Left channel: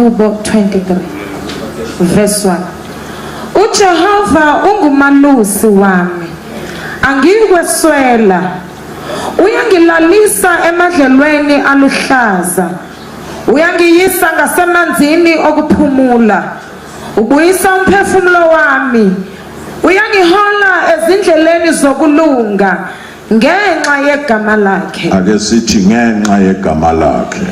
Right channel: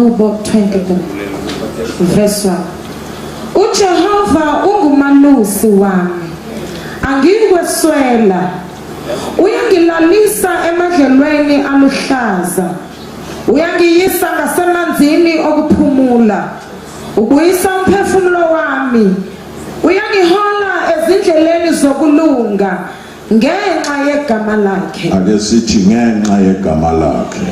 Hubo 23 verse 1. uJehova ungumalusi wami, angikweswela. Uyangilalisa emadlelweni aluhlaza, uyangiyisa ngasemanzini okuphumula. Ubuyisa umphefumulo wami, uyangihola ezindleleni zokulunga ngenxa yegama lakhe. Ake sithi ngenxa yegama lakhe.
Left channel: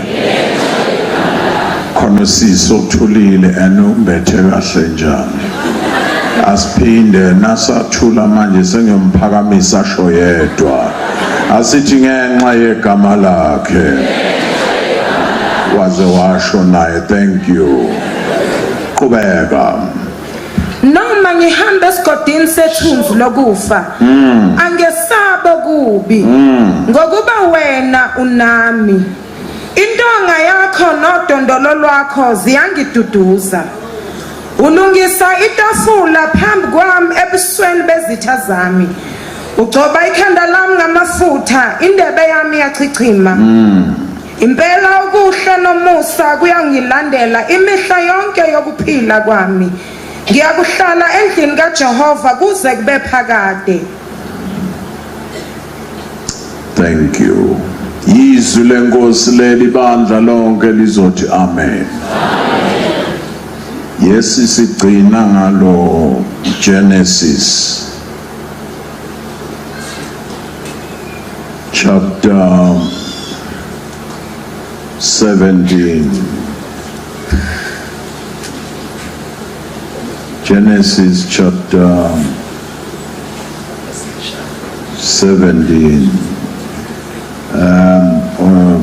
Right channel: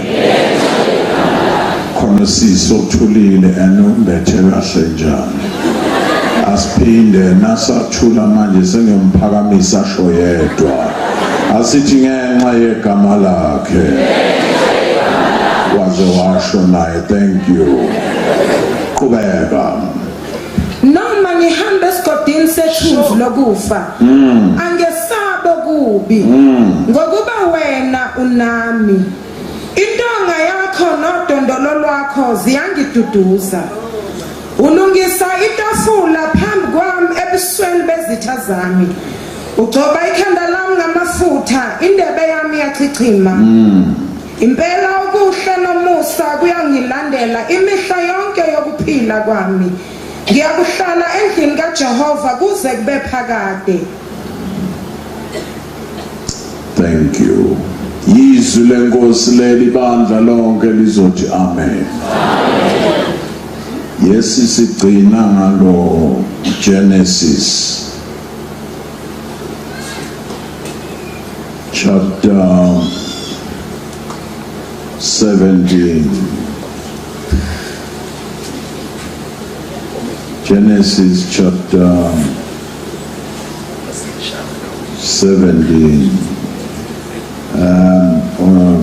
Khona sisothulile anombethe kahle njani. Asiphinde nasathula manje sengemphakamisa asho yedwa. Asithi ngenxa yegama lakhe. Waze washo naye, thank you. Qhubeka. Noma ngihamba esigodini sethunzi lokufa, angesabo kubi, ngokuba wena unami. Intonga yakho nodondolo lwakho ziyangiduduza. Ulungisa itafula phambi kwami ebusweni bezitha zami. Ugcoba ikhanda lami ngamafutha, indebe yami yachichima. Impela ukuhle nomusa kuyangilandela imihla yonke yokuphila kwami. Ngiyakuhlala endlini kaJehova kuze kube phakade. Thank you. Yizwi lenkosi leli bandla lonke lizothi amen. Yesi sigcina ngalo Genesis chapter 17. Genesis chapter 17.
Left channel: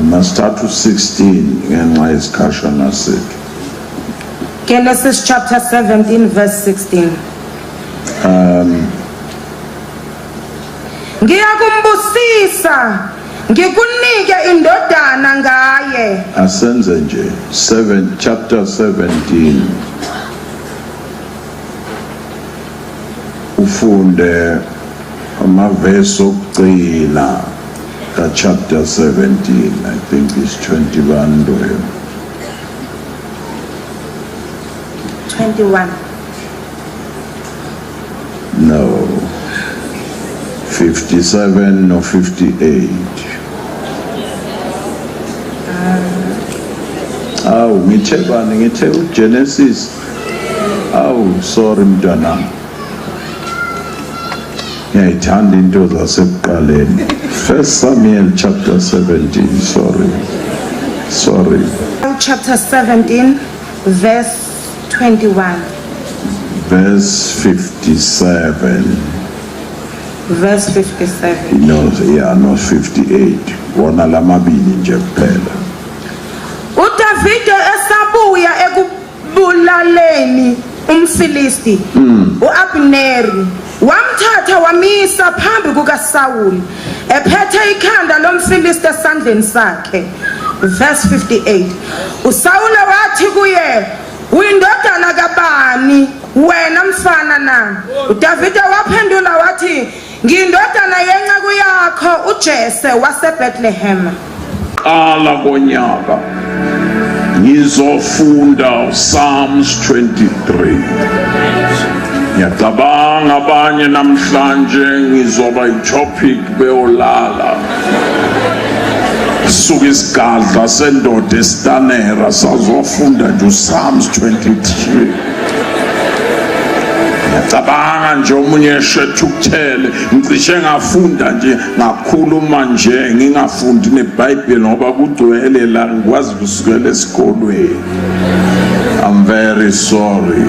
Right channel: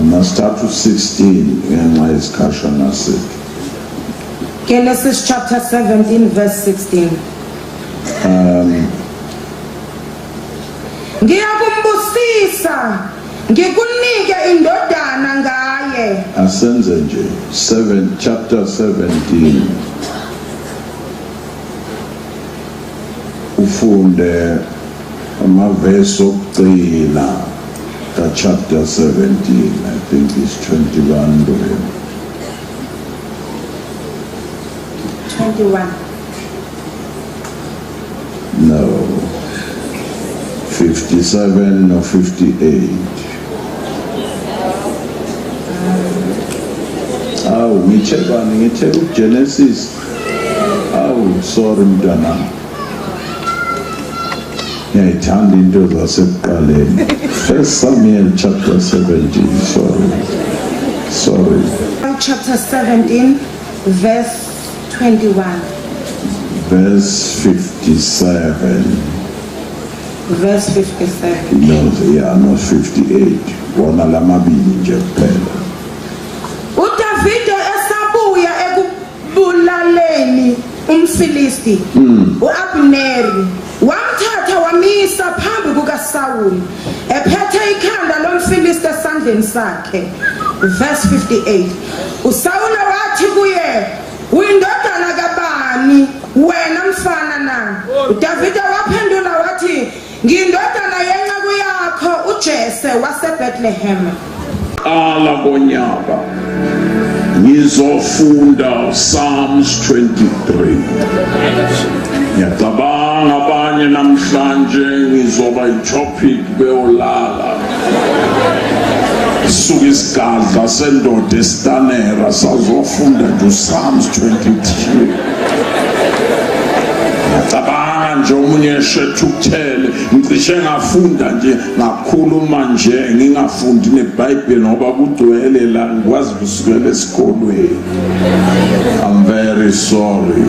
Must start to 16 and my discussion as it. Genesis chapter 17 verse 16. Ngiyakumbusisa ngikunike indodana ngaye. Asenze nje chapter 17. Ufunde amavesi okugcina ka chapter 17. I think it's 21 to him. 21. No. 57 or 58. Oh, ngithe Genesis. Oh, sorry mntwana. Ngiyayithanda into zasekuqaleni. 1 Samuel chapter 17. Sorry. Chapter 17 verse 21. Verse 57. Verse 57. No, 58. Wona lamabili nje kuphela. uDavide esabuya ekubulaleni umFilisti, uAbneri wamthatha wamisa phambi kukaSawuli ephethe ikhanda lomFilisti esandleni sakhe. Verse 58. uSawuli wathi kuye, "Uyindodana kabani wena mfana na?" uDavide waphendula wathi, "Ngiyindodana yenceku yakho uJese waseBethlehem." Qala konyaka ngizofunda Psalms 23. Ngiyacabanga abanye namhlanje ngizoba itopic beyolala. Suka isigadla sendoda estanera sazofunda nje Psalms 23. Ngiyacabanga nje omunye shethu kuthele ngicishe ngafunda nje ngakhuluma nje ngingafundi neBhayibheli ngoba kugcwele la ngikwazi kusukela esikolweni. I'm very sorry.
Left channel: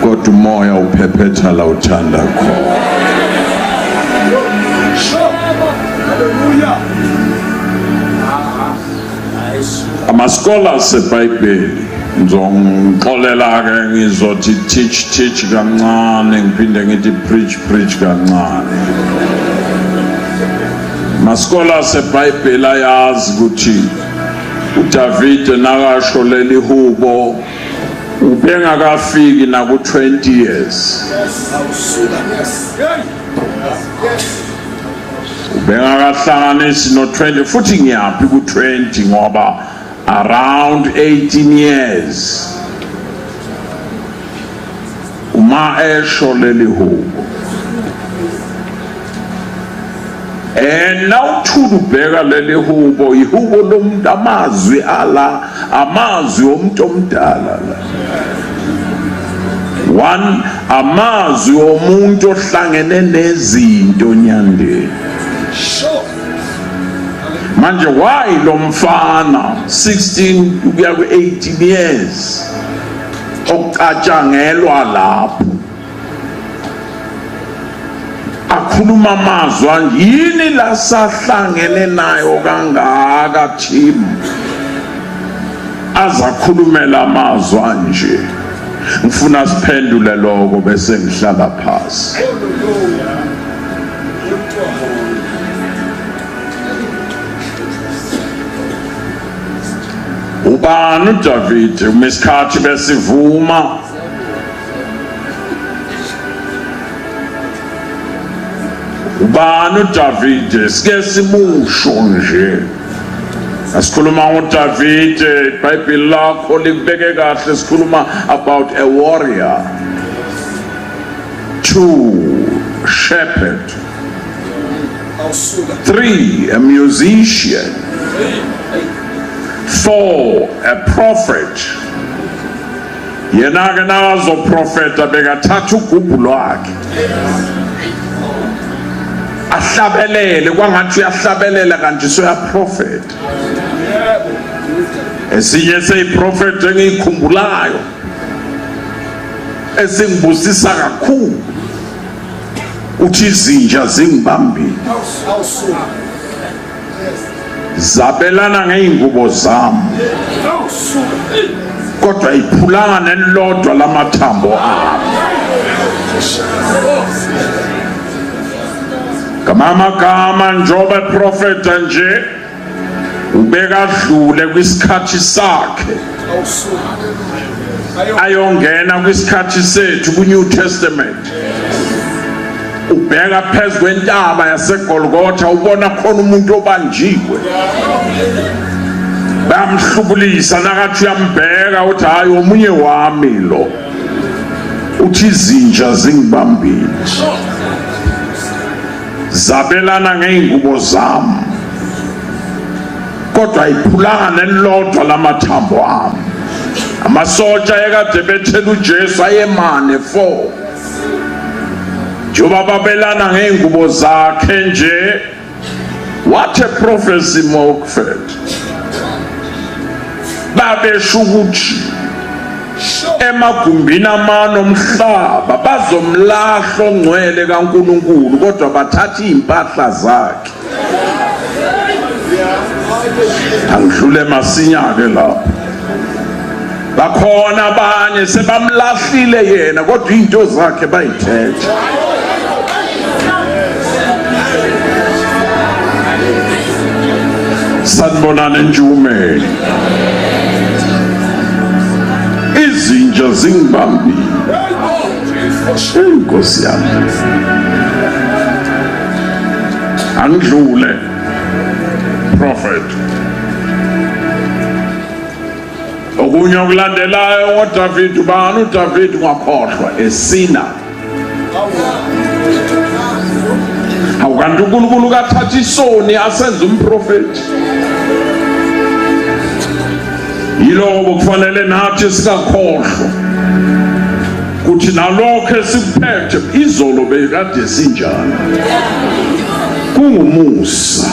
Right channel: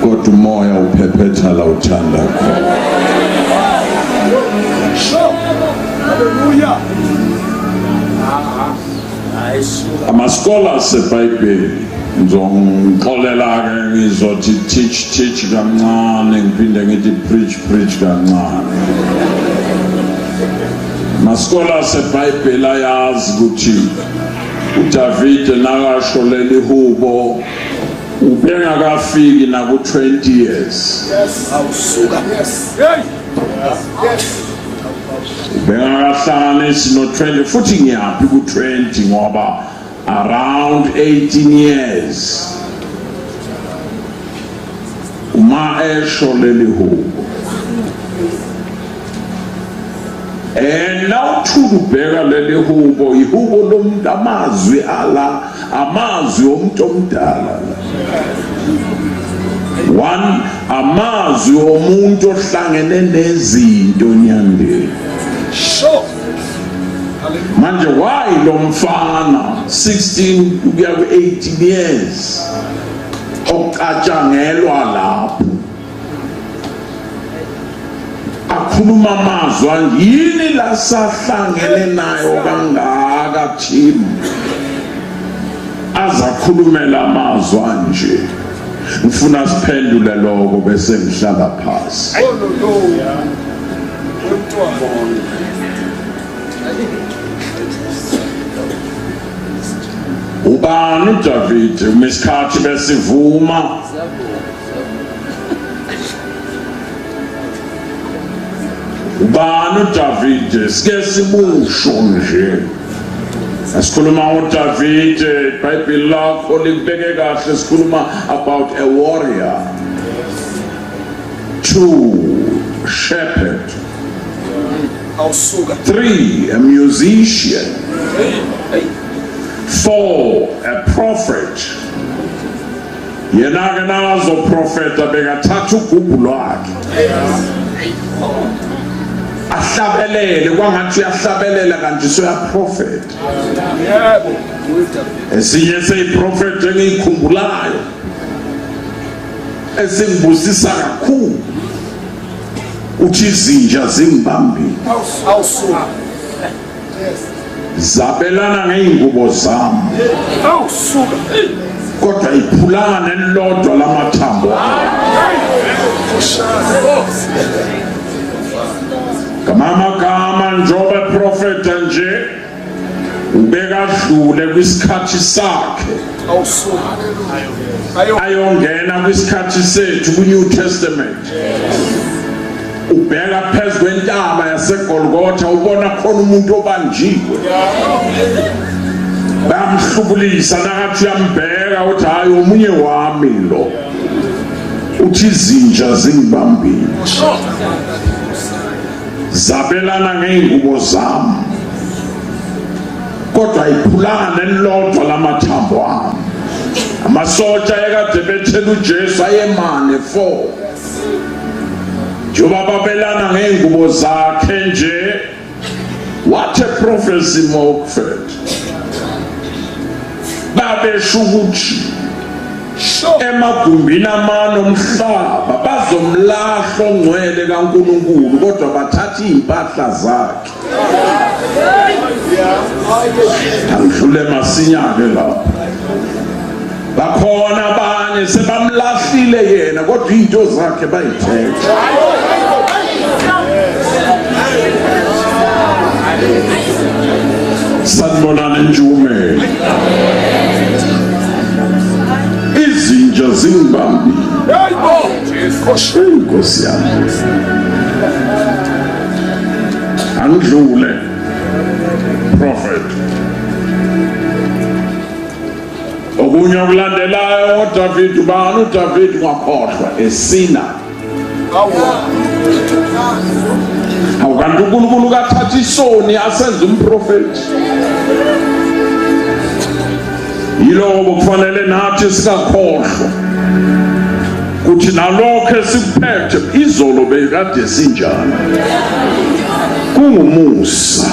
Kodwa umoya uphephetha la uthanda khona. Hallelujah. Ama-scholars eBhayibheli ngizongixolela ke ngizothi teach kancane ngiphinde ngithi preach kancane. Ma-scholars eBhayibheli ayazi ukuthi uDavide nakasho leli hubo ubengakafiki naku 20 years. Bengakahlanganisi no 20 futhi ngiyaphi ku 20 ngoba around 18 years uma esho leli hubo. Now ubheka leli hubo ihubo lomuntu amazwi ala amazwi omuntu omdala la. One, amazwi omuntu ohlangene nezinto nyandeni. Manje why lo mfana 16 kuya ku 18 years okatshangelwa lapho akhuluma amazwi yini lasahlangene nayo kangaka team azakhulumela amazwi nje. Ngifuna siphendule lokho bese ngihlala phansi. Ubani uDavid umesikhathi besivuma ubani uDavid sike simusho nje asikhuluma ngoDavid iBhayibheli lakho likubeke kahle sikhuluma about a warrior, 2 shepherd, 3 a musician, 4 a prophet. Yena ke nazo prophet bekathatha ugubu lwakhe ahlabelele kwangathi uyahlabelela kanti soya prophet. Esinye seyiprophet engiyikhumbulayo esingibusisa kakhulu uthi izinja zingibambile zabelana ngeingubo zami kodwa iphulanga nelodwa lamathambo kamama njobe prophet nje ubeka dlule kwisikhathi sakhe ayongena kwisikhathi sethu ku New Testament. Ubheka phezu kwentaba yaseGolgotha ubona khona umuntu obanjiwe bamhlubulisa nakathi uyambheka uthi hayi omunye wami lo uthi izinja zingibambile zabelana ngeingubo zami kodwa ayiphulanga nelodwa lamathambo ami. Amasotsha ekade bethela uJesu ayemane 4 njoba babelana ngeingubo zakhe nje. What a prophecy Mockford. Babesho ukuthi emagumbini amano omhlaba bazomlahla ongcwele kaNkulunkulu kodwa bathatha impahla zakhe. Angidlule masinyane lapho. Bakhona abanye sebamlahlile yena kodwa into zakhe bayithethe. Sanibonani Njumeyelo. Izinja zingibambile. Inkosi yami. Angidlule prophet. Okunye okulandelayo ngoDavid ubani uDavid ngakhohlwa esina. Awukanti uNkulunkulu kathatha isoni asenza umprofeti. Yiloko kufanele nathi sikakhohlwa kuthi nalokho esikuphethe izolo bekade sinjani. Kungumusa.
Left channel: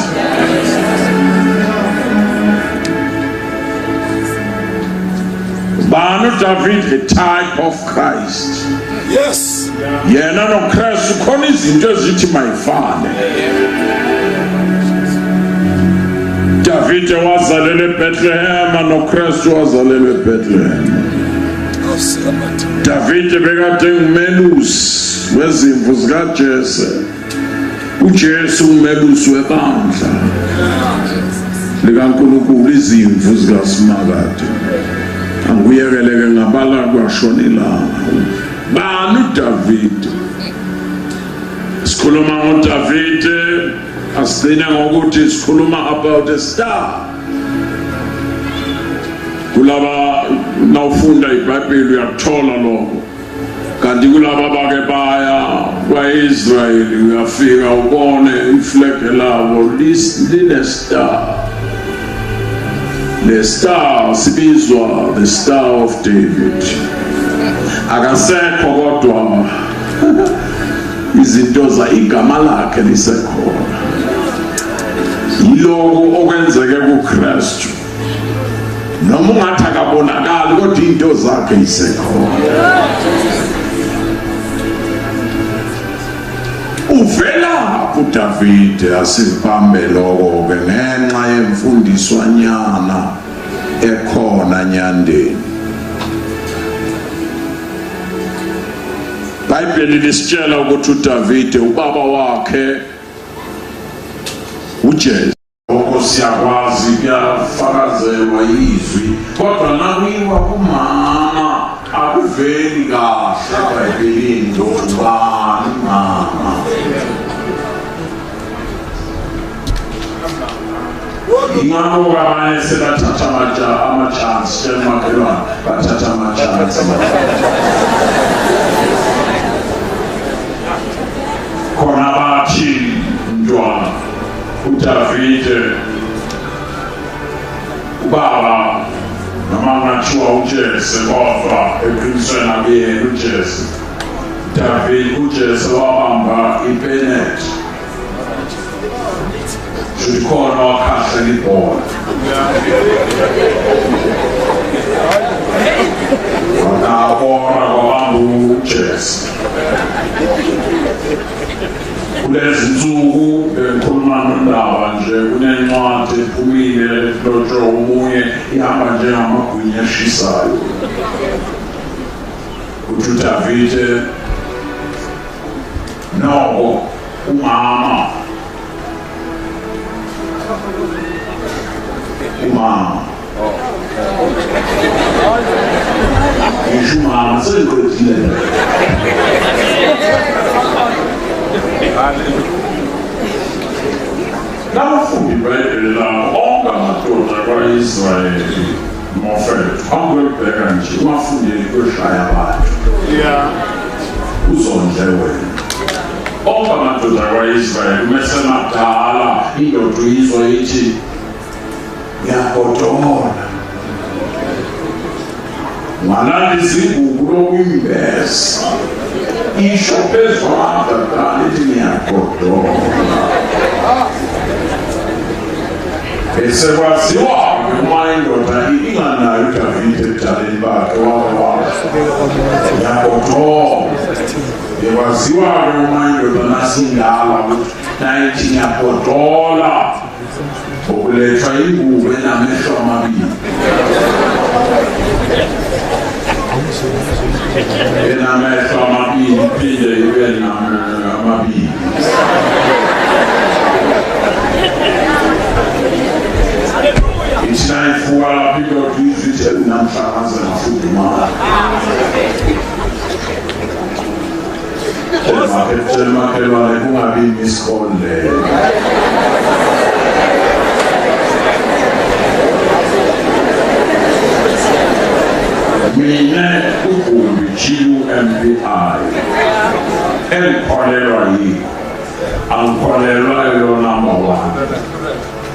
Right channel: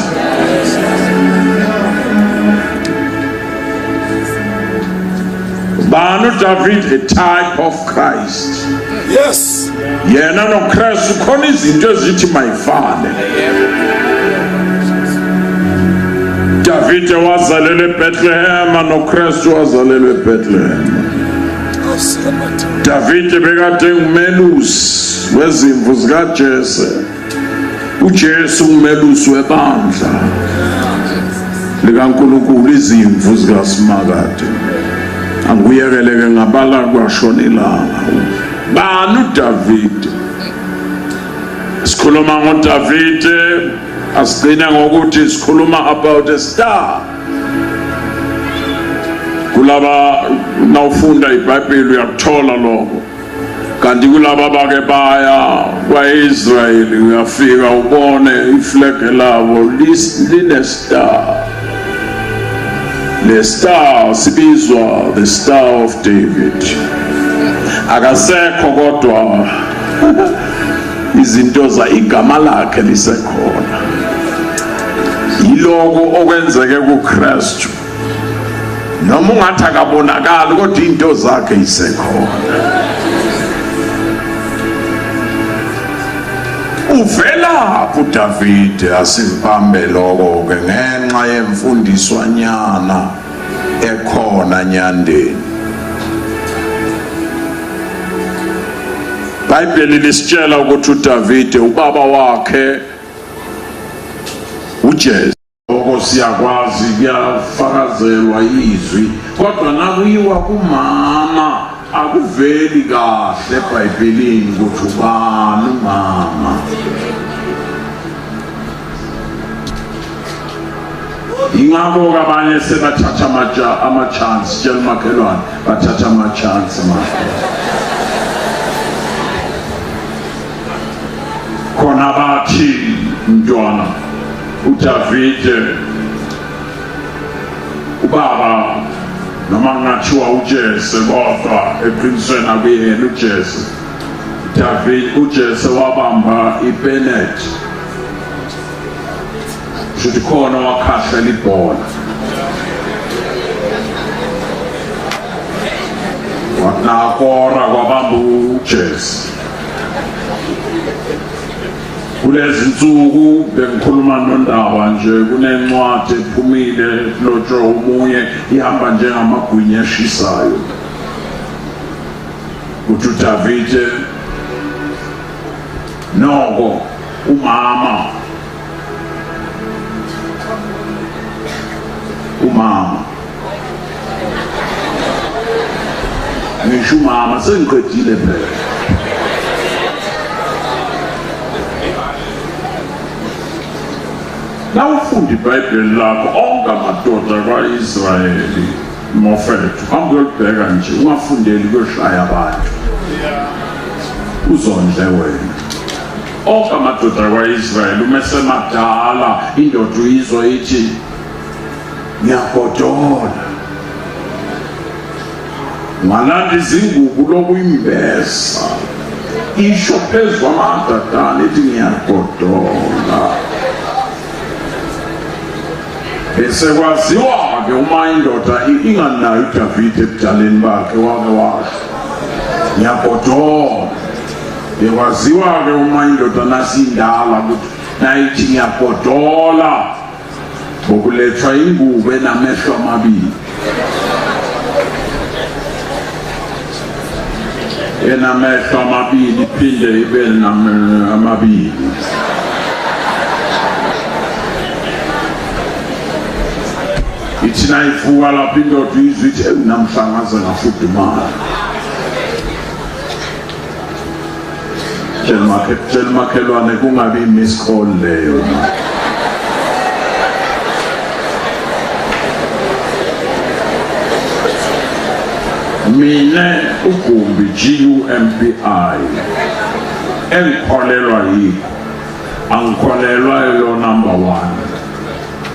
Bani David a type of Christ. Yes. Yena no Christ khona izinto ezithi mayifane. David wazalelwe eBethlehem no Christ wazalelwe eBethlehem. David bekade ngumelusi wezimvu zikaJese. uJesu ngumelusi webandla likaNkulunkulu izimvu zikaSimakade. Anguyekeleke ngabala kwashonelanga. Bani uDavid? Sikhuluma ngoDavid asigcina ngokuthi sikhuluma about a star. kulaba nawufunda iBhayibheli uyakuthola lokho. Kanti kulaba bake baya kwaIsraeli uyafika ubone iflege labo line star. The star sibizwa the Star of David. Akasekho kodwa izinto za igama lakhe lisekhona. Yiloko okwenzeke kuKristu. Noma ungathi akabonakali kodwa into zakhe isekhona. Uvela kuDavid asibambe lokho ke ngenxa yemfundiswa nyana ekhona nyandeni. iBhayibheli lisitshela ukuthi uDavid ubaba wakhe uJese siyakwazi kuyafakazelwa izwi kodwa nakuyiwa kumama akuveli kahle eBhayibhelini ukuthi ubani umama. Ingakho abanye sebathatha ama-chance tshela umakhelwane bathatha ama-chance khona bathi mntwana uDavide ubaba noma ngathiwa uJese kodwa eqinisweni akuyena uJese. David uJese wabamba iBenet should khona wakhahlela ibhola wakabona kwabamba uJese. Kulezi nsuku bengikhuluma noNdaba nje kunencwadi ephumile lotsho umunye ihamba njengamagwinya ashisayo ukuthi uDavide noko umama ngisho umama sengiqedile nje. Nawufunda iBhayibheli lakho onke amadoda kwa-Israyeli mofethu angolibheka nje ungafundeli kwehlaya abantu uzondle wena. Onke amadoda kwa-Israyeli umesemadala indoda uyizwa ithi ngiyagodola ngalanda izingubo lokuyimbesa isho phezu kwamadadana ithi ngiyagodola. Bese kwaziwa-ke uma indoda inganayo uDavide ebudaleni bakhe wake ngiyagodola. Bekwaziwa-ke uma indoda nasindala nayithi ngiyagodola ngokulethwa ingubo enamehlo amabili. Enamehlo amabili iphinde ibe amabili. Ithi nayivuka lapho indoda izwe ithi namhlanje ngafudumala. Tshela umakhelwane kungabi i-miss call leyo. Mina uGumbi GUMBI engikholelwa yikho. Angikholelwa yo number 1.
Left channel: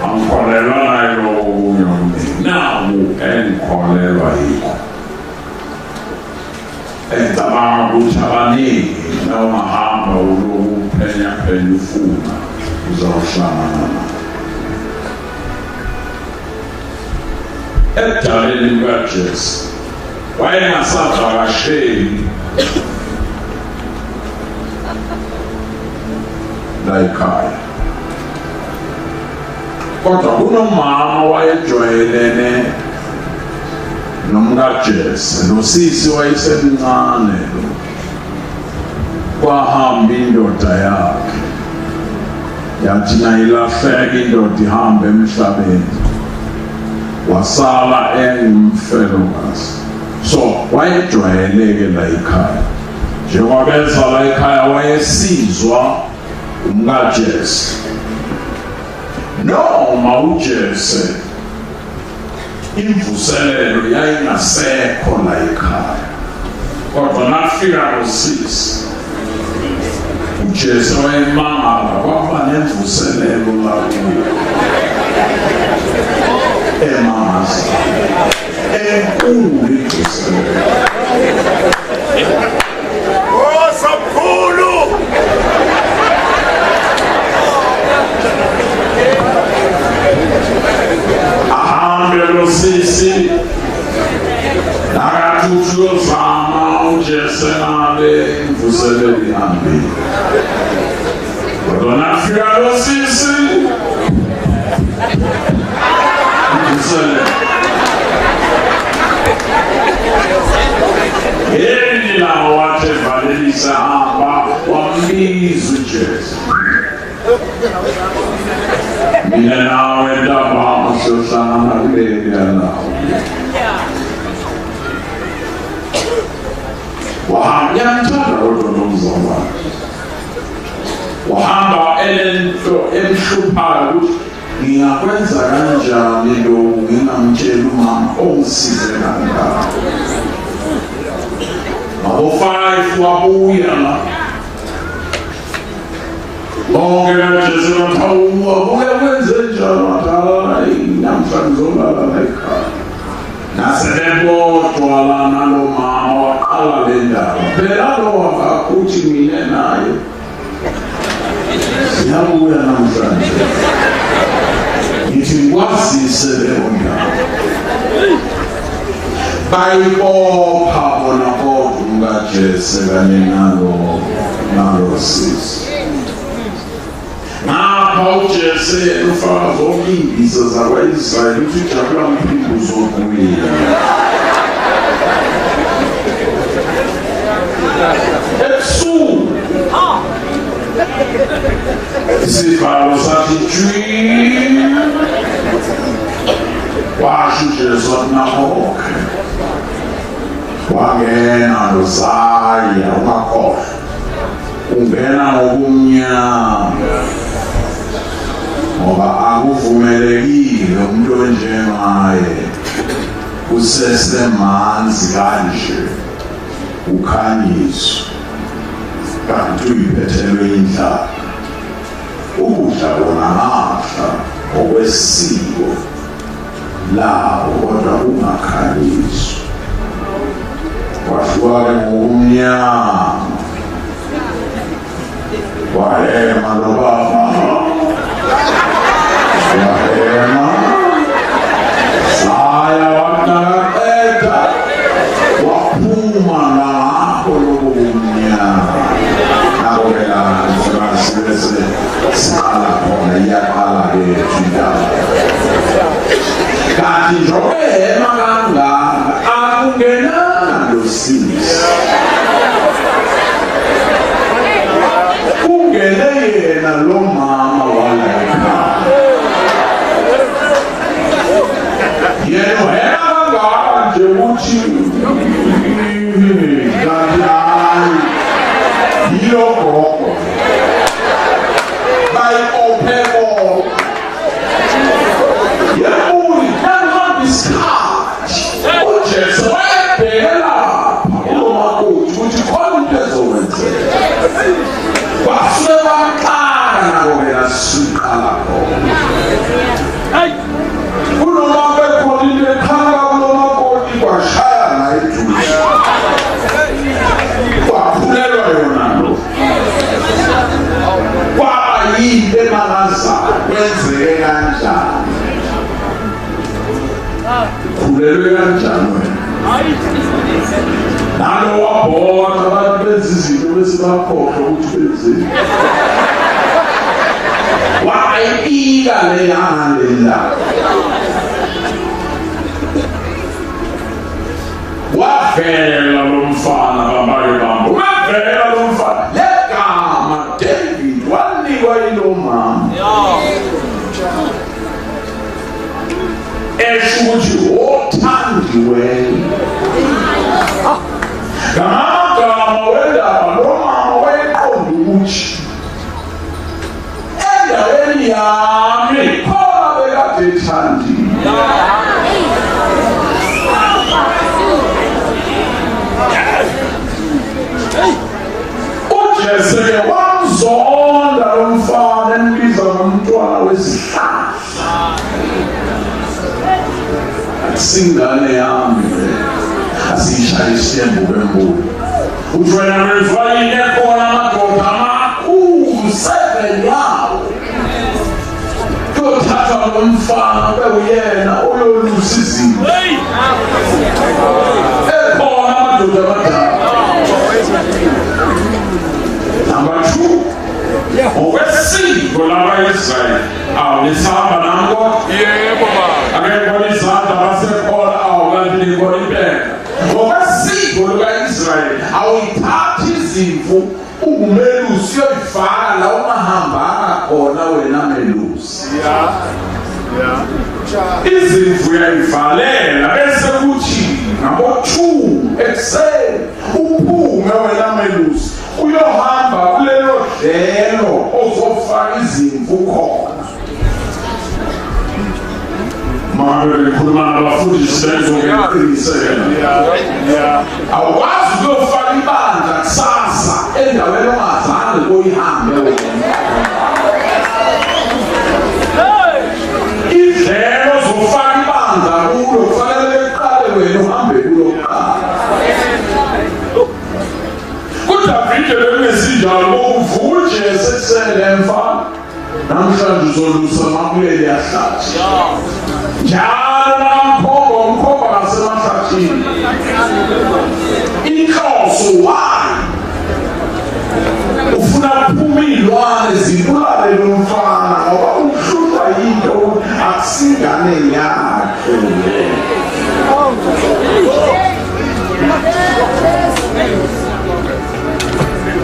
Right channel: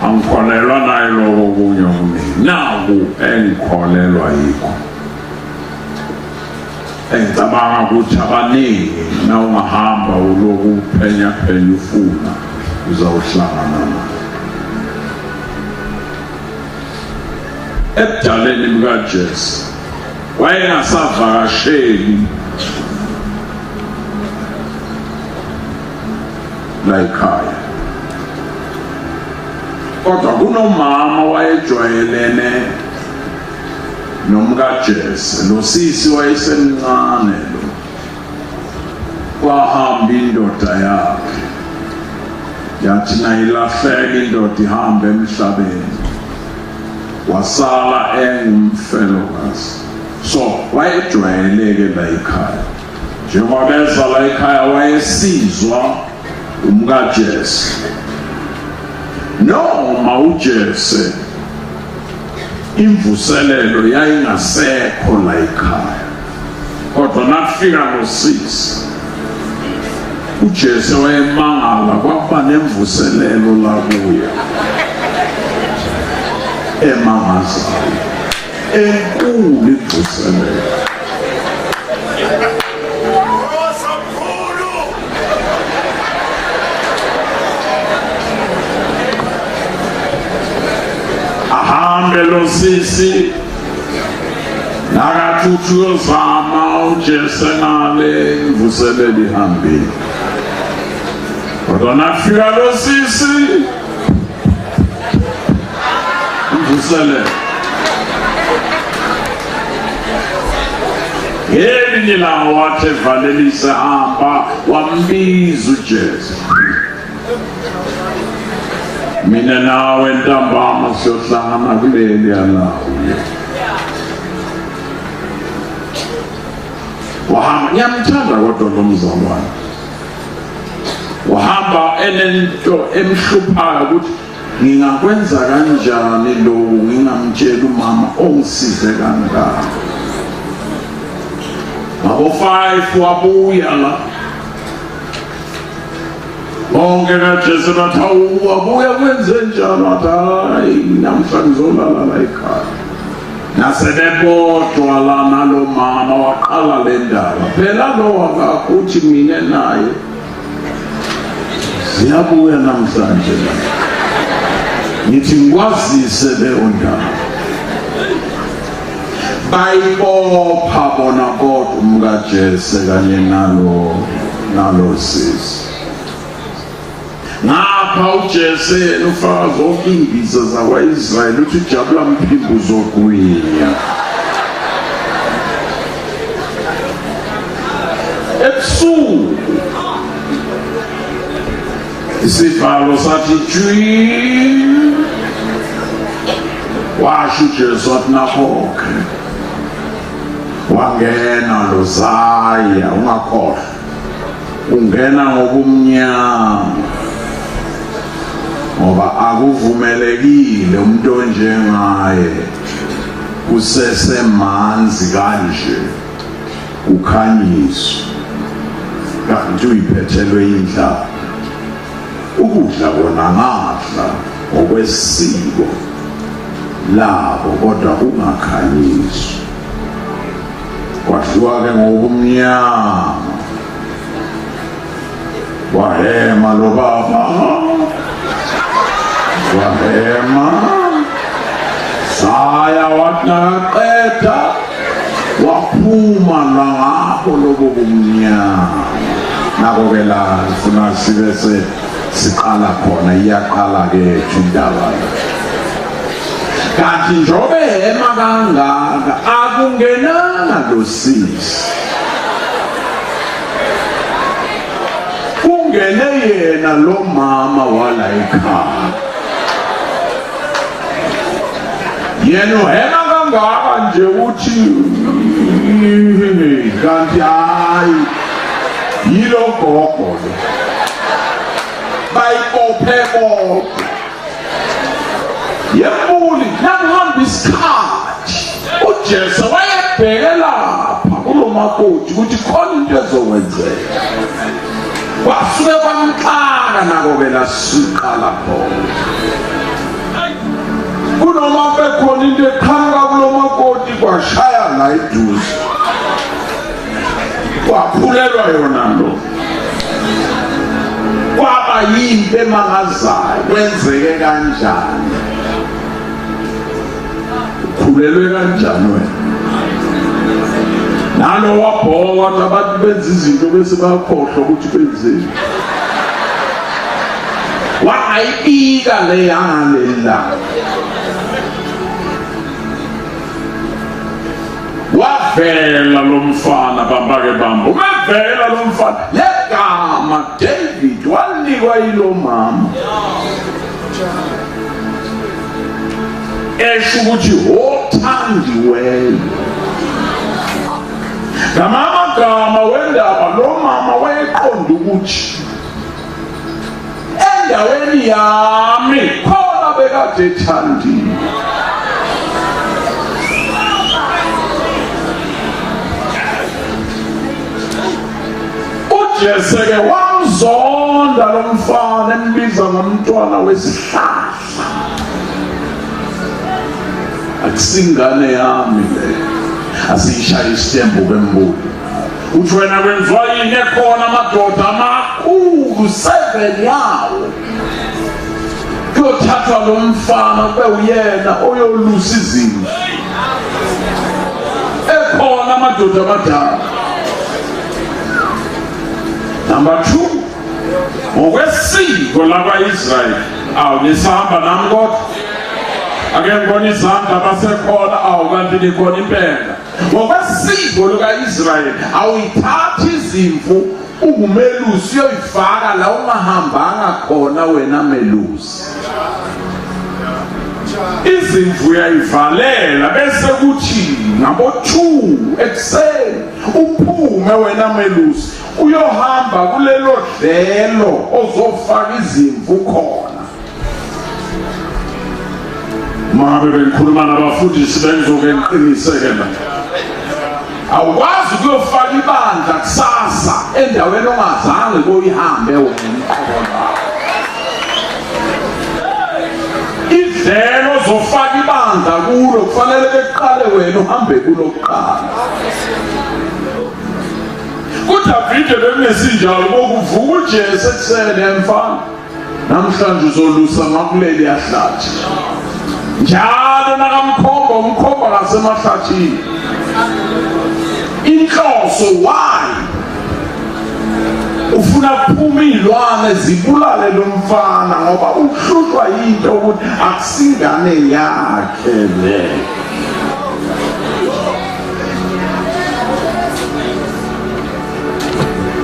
Angikholelwa nayo okunye okuningi. Naku engikholelwa yikho. Engicabanga ukuthi abaningi na ungahamba uloku phenya ufuna uzawuhlangana nayo. Ebudaleni bukaJese wayengasavakasheli la ekhaya, kodwa kunomama wayejwayelene nomkaJese, lo sisi wayesemncane lo. Kwahamba indoda yakhe yathi nayilahleka indoda ihambe emhlabeni, wasala engumfelokazi. So wayejwayeleke la ekhaya, njengoba beza la ekhaya wayesizwa umkaJese. Noma uJese imvuselelo yayingasekho la ekhaya, kodwa nakufika ngo-6 uJesu wayemangala kwaba nemvuselelo la kuyo emangaza enkulu imvuselelo. Sisi nakathuthuyozama uJesu ngale imvuselelo ihambile, kodwa nakufika lo sisi imvuselelo ngelinye lawo wathi evalelisa hamba wambiza uJesu. Mina nawe ntambama siyohlangana kuleli yalawo. Wahamba, ngiyamthanda kodwa lo mzalwane. Wahamba enento emhluphayo ukuthi ngingakwenza kanjani lo ngingamtshela umama ongisize kangaka. Abo-5 wabuya la. Bonke kaJesu bathi wabuya kwenze njalo, hayi namhlanje ngizolala la ekhaya. Nasebebodwa la nalo mama waqala le ndaba. Phela lo wangakuthi mina naye siyabuya namhlanje, ngithi ngikwazise leyo ndaba. Bayibopha bona kodwa umkaJesu kanye nalo sisi. Ngapha uJesu ufaka zonke imbiza zakwa-Israyeli ukuthi ujabula mphimbo uzokuwina. Ebusuku isivalo sathi jwi, washo uJesu wathi nakhoke, wangena lozaya ungakhohlwa, ungena ngobumnyama ngoba akuvumelekile umuntu onjengaye usesemanzi kanje ukhanyiswe kanti uyiphethelwe indlala. Ukudla kona ngadla ngokwesiko labo kodwa ungakhanyiswa. Kwahluka-ke ngobumnyama, wahema lo baba, wahema saya wanaqeda waphuma ngapho lobo bumnyama. Nabo-ke la ngifuna sibe siqala khona, iyaqala-ke indaba. Kanti njengoba ehema kangaka akungenanga lo sisi, kungene yena lo mama wala ekhaya. Yena uhema kangaka nje ukuthi kanti hayi yilo gogo bayikophe kodwa. Yebuli nangihamba isikhathi uJesu wayebheke lapha kulo makoti ukuthi khona into ezokwenzeka. Kwasuke kwamxaka nako-ke lasiqala khona. Kunoma bekhona into ekhanga kulo makoti kwashaya la eduze, kwaphulelwa yona lo. Kwaba yinto emangazayo, kwenzeke kanjani, khulelwe kanjani wena. Nalo wabhoka abantu benza izinto bese bakhohlwa ukuthi benzeni. Wayibika le yalela, wavela lo mfana babake bambo, wavela lo mfana legama David wanikwa yilo mama. Esho ukuthi othandiweyo. Ngamagama wendaba lo mama wayeqonda ukuthi endaweni yami khona bekade ethandile. Singane yami asiyishaya isitembu kwembulo. Uthi wena wezwa yini ekhona amadoda amakhulu 7 yawo kuyothatha lo mfana bewuyena oyolusa izinto. Ekhona amadoda amadala. Number 2, ngokwesiko laba-Israyeli awulisahamba nami kodwa akekho izandla basekhona awukanti nikhona impela. Ngokwesiko luka-Israyeli awuyithathi izimvu ungumelusi uyoyifaka la ungahambanga khona wena melusi. Izimvu uyayivalela bese kuthi ngabo-2 ekuseni uphume wena melusi uyohamba kulelo dlelo ozofaka izimvu khona. Manje ngikhuluma nabafundisi bengizokuqiniseka. Awukwazi ukuyofaka ibandla kusasa endaweni ongazange uyihambe wena. Idlelo zofaka ibandla kulo kufanele beqale wena uhambe kulo kuqala. UDavide bekunesinjalo bokuvuka uJese ekuseni emfana namhlanje uzolusa makuleli yahlathi. Njalo nakamkhomba umkhomba ngasemahlathini. Inhloso why? Ufuna kuphuma izilwane zibulale lo mfana ngoba uhlushwa yinto ukuthi akusingane yakhe le.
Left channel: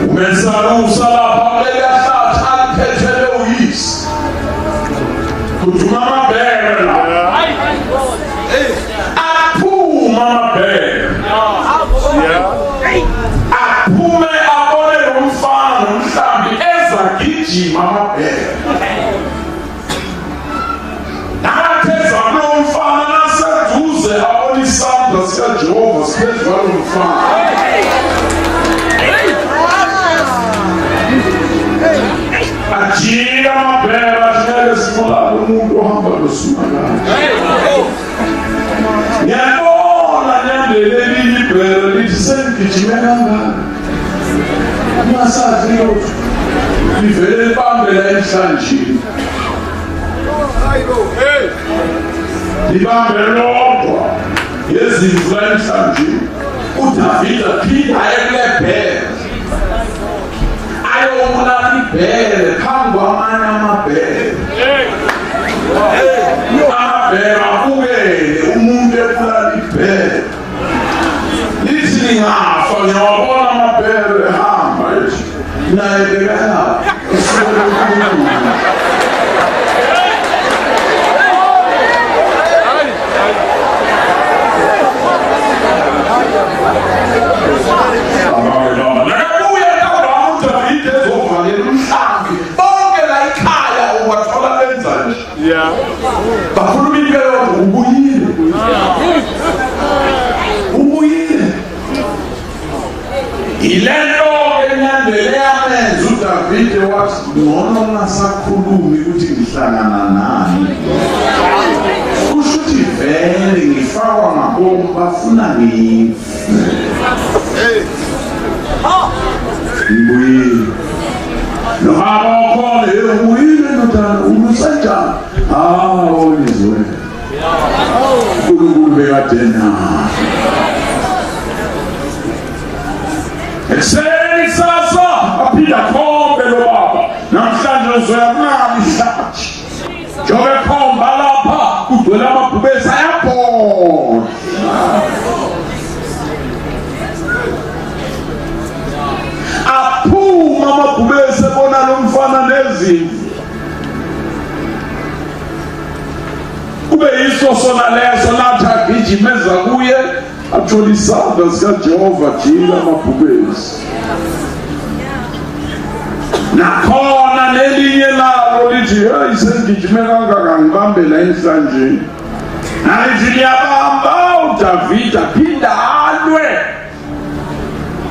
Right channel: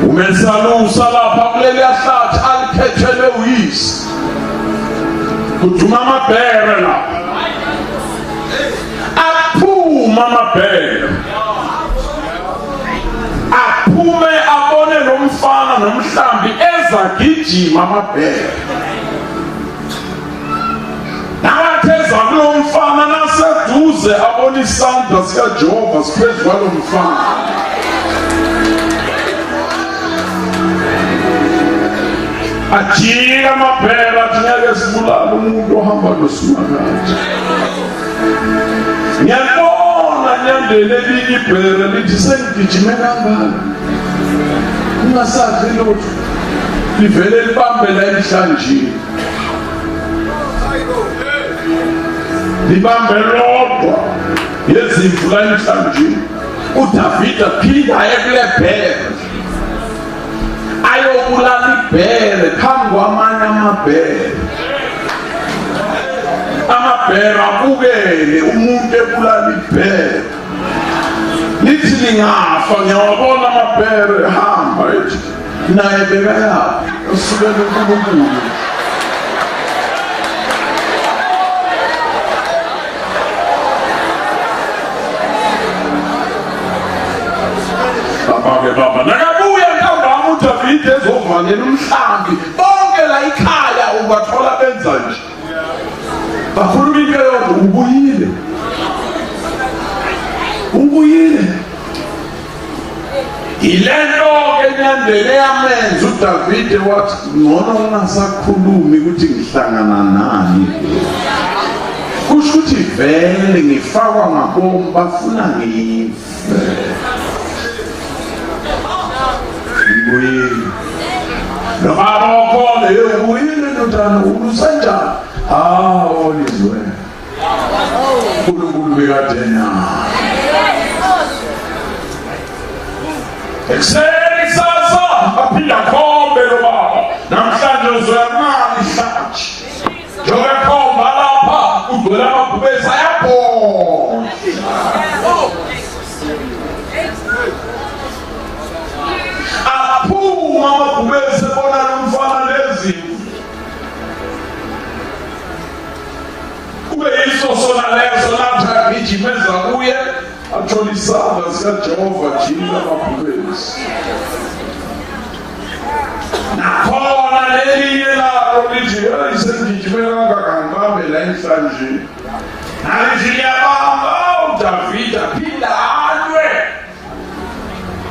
Umensana usalapha kuleli yahlathi aliphethele uyise. Kuduma amabhele la. Aphuma amabhele. Aphume abone lo mfana nomhlambi ezagijima amabhele. Nakatheza kulo mfana naseduze abone isandla sikaJehova siphezu kwalo mfana. Ajika amabhele athiyeke sibulala umuntu ohamba nosumakanje. Ngiyabona nyandele elinye ibhele lithi sengigijime kangaka. Ungasazi lutho. Livele libambe la emhlanjeni. Libambe lodwa yezimvu la emhlanjeni. UDavide aphinda aye kule bhele. Ayobulala ibhele phambi kwamanye amabhele. Amabhele abukele umuntu ebulala ibhele. Lithi lingafa ngiyawabona amabhele ehamba ethi naye bekayaphi usukele kuNkulunkulu. UDavide ezovalela umhlambi bonke la ikhaya ungathola benza nje. Bakhuluma into yodwa ubuyile. Ubuyile. Ilento enyandele yamenza uDavide wathi ngcono ungasakhulumi ukuthi ngihlangana nani. Kusho ukuthi vele ngifakwa ngabomu bafuna ngife. Ubuyile. No akhona ubuyile nodana ulusajana. Olizwe. uNkulunkulu bekadena. Ekseni sasa aphinda khombe lo baba. Namhlanje uzoyamali ihlathi. Njobe khomba lapha kugcwele amabhubesi ayabhonga. Aphuma amabhubesi ebona lo mfana nezimvu. Kube yiso sona leso nathi agijimeza kuye athola isandla sikaJehova jila amabhubesi. Nakhona nelinye lalo lithi hey sengijime kangaka ngibambe la emhlanjeni. Nalithi liyabamba uDavide aphinda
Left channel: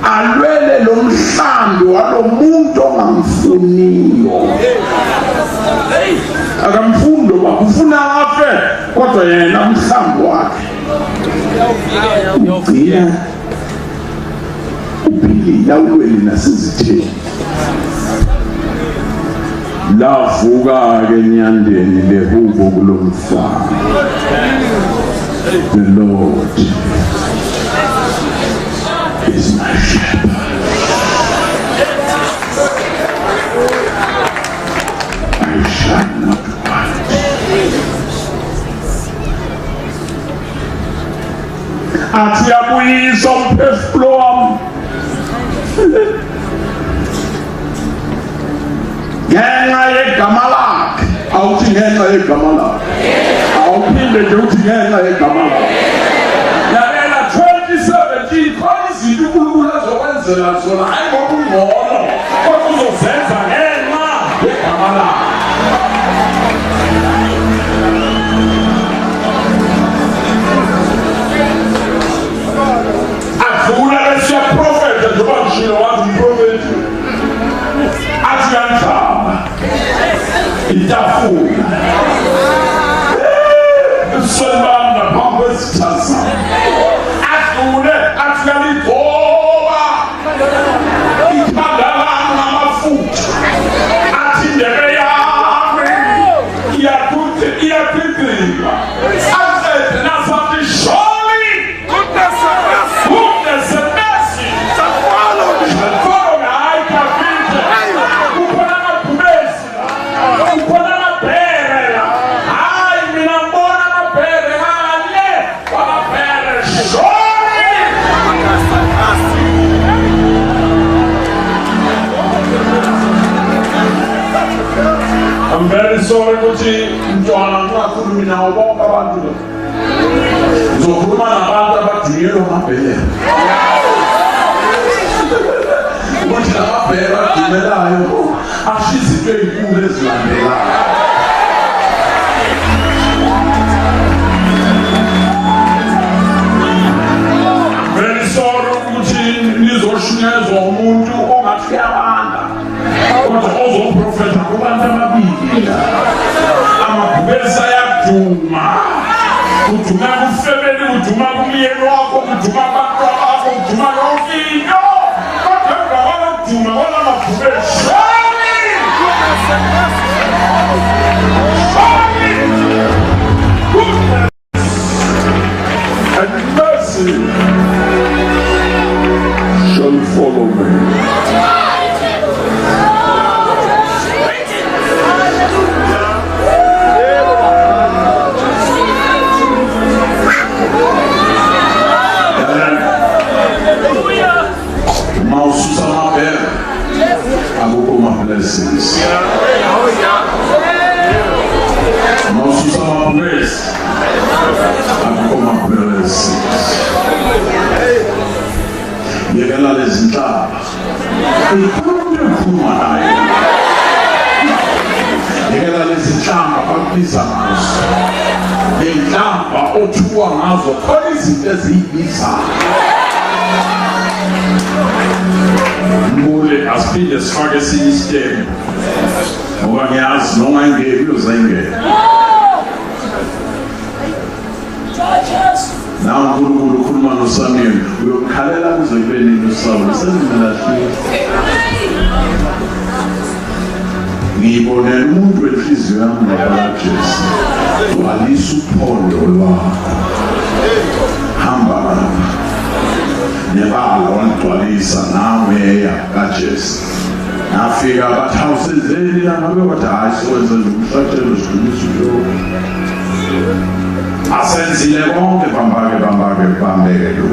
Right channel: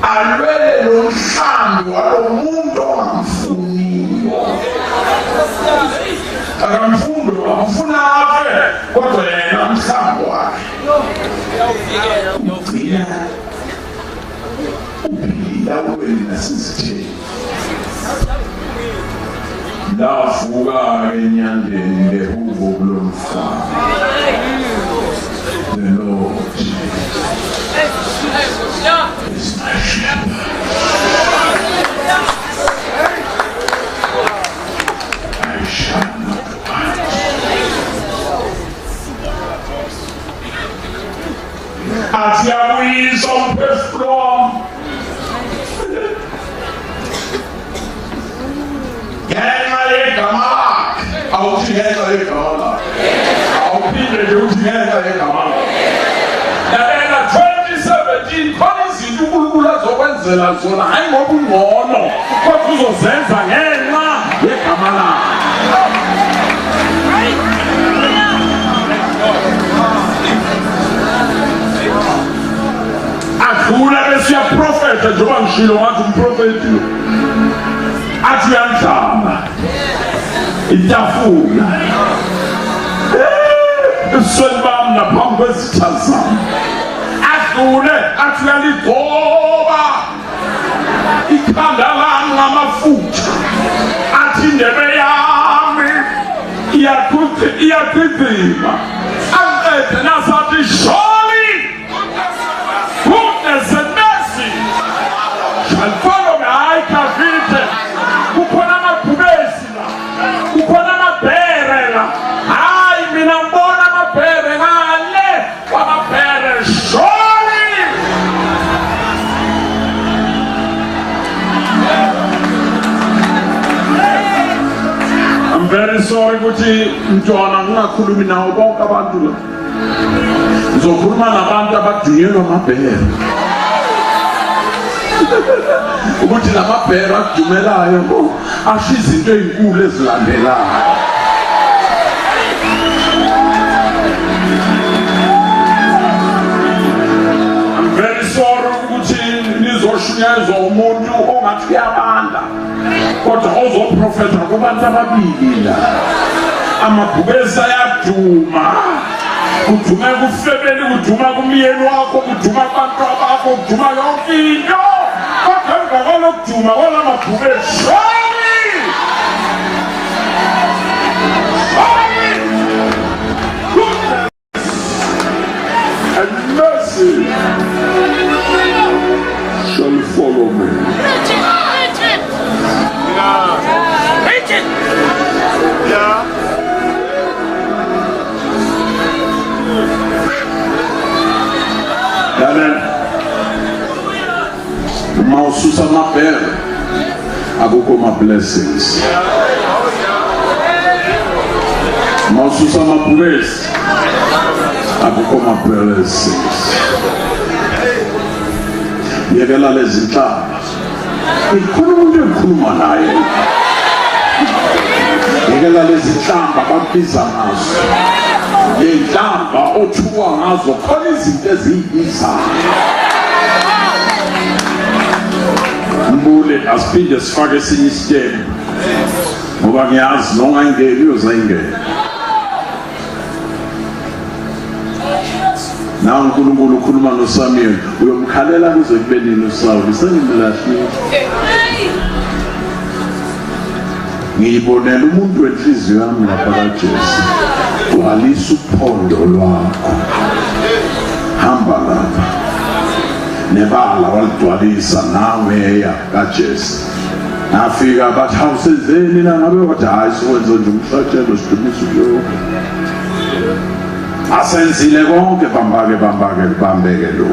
alwele lo mhlambi walo muntu ongamfuniyo. Akamfundo akufuna afe kodwa yena mhlambi wakhe. ugcina uphilile awuweli nasezitheni. Lavuka-ke enyandeni lehubo kulomfana. The Lord is my shepherd. I shall not want. Athi abuyisa umphefumulo wami ngenxa yegama lakhe. Awuthi ngenxa yegama lakhe, awuphinde nje uthi ngenxa yegama lakhe. Yalela 2017 khona izinto uNkulunkulu azokwenzela zona, hayi ngoba ungcono, kodwa uzozenza ngenxa yegama lakhe. Adlula besiya profeta njengoba ngishilo wathi umprofeti athi uyandlala itafula ebusweni bami naphambi kwezitha zami. Adlule athi uyaligoba ikhanda lami ngamafutha, athi indebe yami iyagqigqima, aqede nasathi surely goodness and mercy shall follow me. Hayi kavite kukhona amabhubesi la, kukhona amabhere la. Hayi mina ngibona amabhere ngale kwamabhere. Surely I'm very sorry ukuthi mntwana ngingakhulumi nawo bonke abantu la. Ngizokhuluma nabantu abadingelwa amabhere ukuthi lamabhere agimelayo asho izinto ey'nkulu ezilandelayo. I'm very sorry ukuthi nizoshunyezwa umuntu ongathi uyabanda, kodwa ozoprofetha kubantu ababili la. Amabhubesi ayaduma, kuduma kufemeli, kuduma kumyeni wakho, kuduma abantu bakho, kuduma yonke into. Kodwa emva kwalokuduma kwalamabhubesi, surely goodness and mercy shall follow me. Maususa mabere akukho ma blessings. Maususa mabhubesi akukho ma blessings. Yekela lezi nhlamba ikhuluma ekhuluma naye. Yekela lezi nhlamba bakubiza ngazo, le nhlamba othuwa ngazo khona izinto eziyibizayo. Mbule asipinde sifake esinye isitebe ngoba ngiyazi noma ingeke uyozayingena. Nawe uNkulunkulu ukhuluma noSamuel, uyomkhalela kuze kube nini uSawuli sengimelahlile. Ngiyibonela umuntu wenhliziyo yami ngapakaJesu, walisa uphondo lwakho, hamba lapha nebala walidwalisa nawe kaJesu. Nafika bathi awusenzeni la, ngabe wathi hayi sokwenza nje umhlatshelo sidumisa uyonke. Asenzile konke, bambeke lo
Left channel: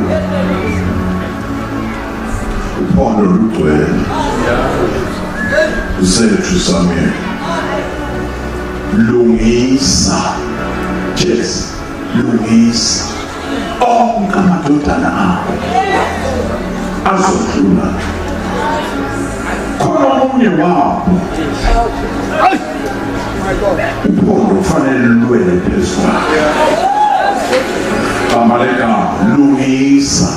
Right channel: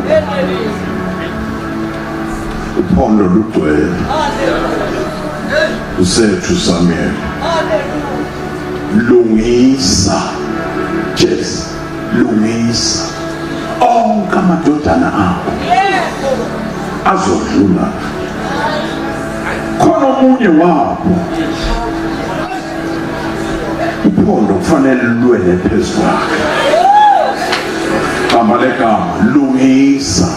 uphondo lugcwele. Usethu Samuel, lungisa Jesu, lungisa onke amadodana akho azodlula. Khona omunye wabo uphondo kufanele lwele phezu kwakhe. Gama legama lungisa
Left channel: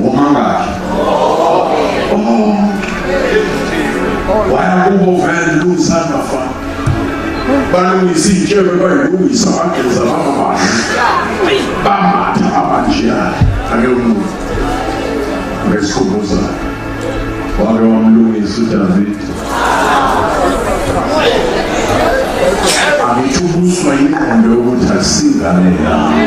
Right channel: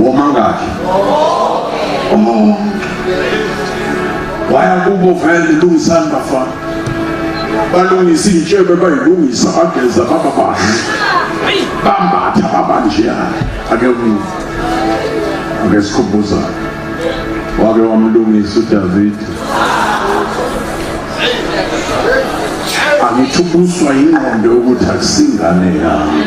womangaki waya kubo vele lungisani bafana balungisa iy'tshebe bayilungisa bageza baba bahle. Bambatha abanjani. Ake ngesikhumbuza. Wake wamlungisa uDavid. Angithubuswa ingqondo yokuthi asingane yami.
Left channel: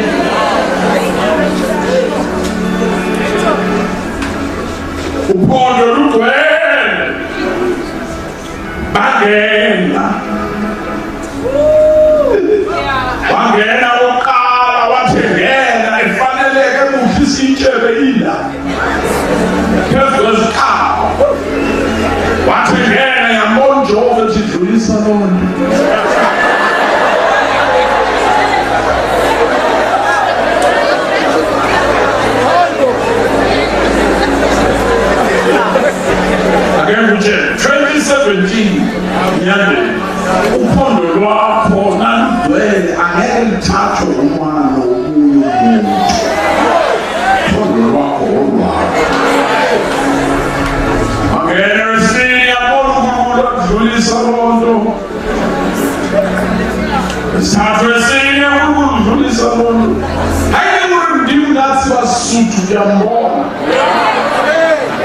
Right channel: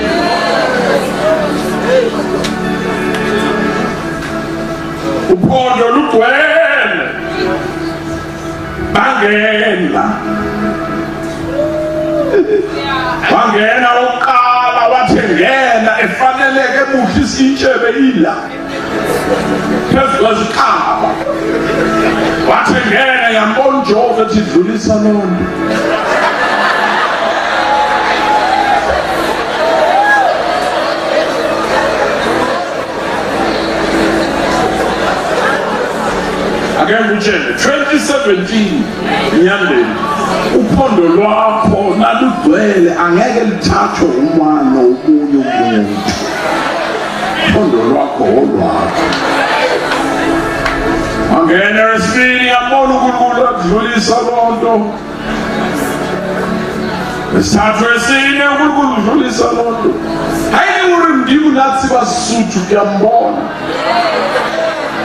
Uphondo lugcwele. Bangena. Wangena oqala wathengena efaneleke ebuhlisa itshebe ila. Phezu kwesikhawu. Wathengena yambona uJehova ethi dlulisa lona. Again, 2017 nyandeni uphondo lwakho nalugcwele angeke lithathwe umwana okunye umuntu. Uphondo lwakho olwakho. Angena esini yabona uNkulunkulu adlulisa lonto. Esithathu esini uNkulunkulu udlulisa lonto. Hayi urindiwe nathi basuthu kuyambona.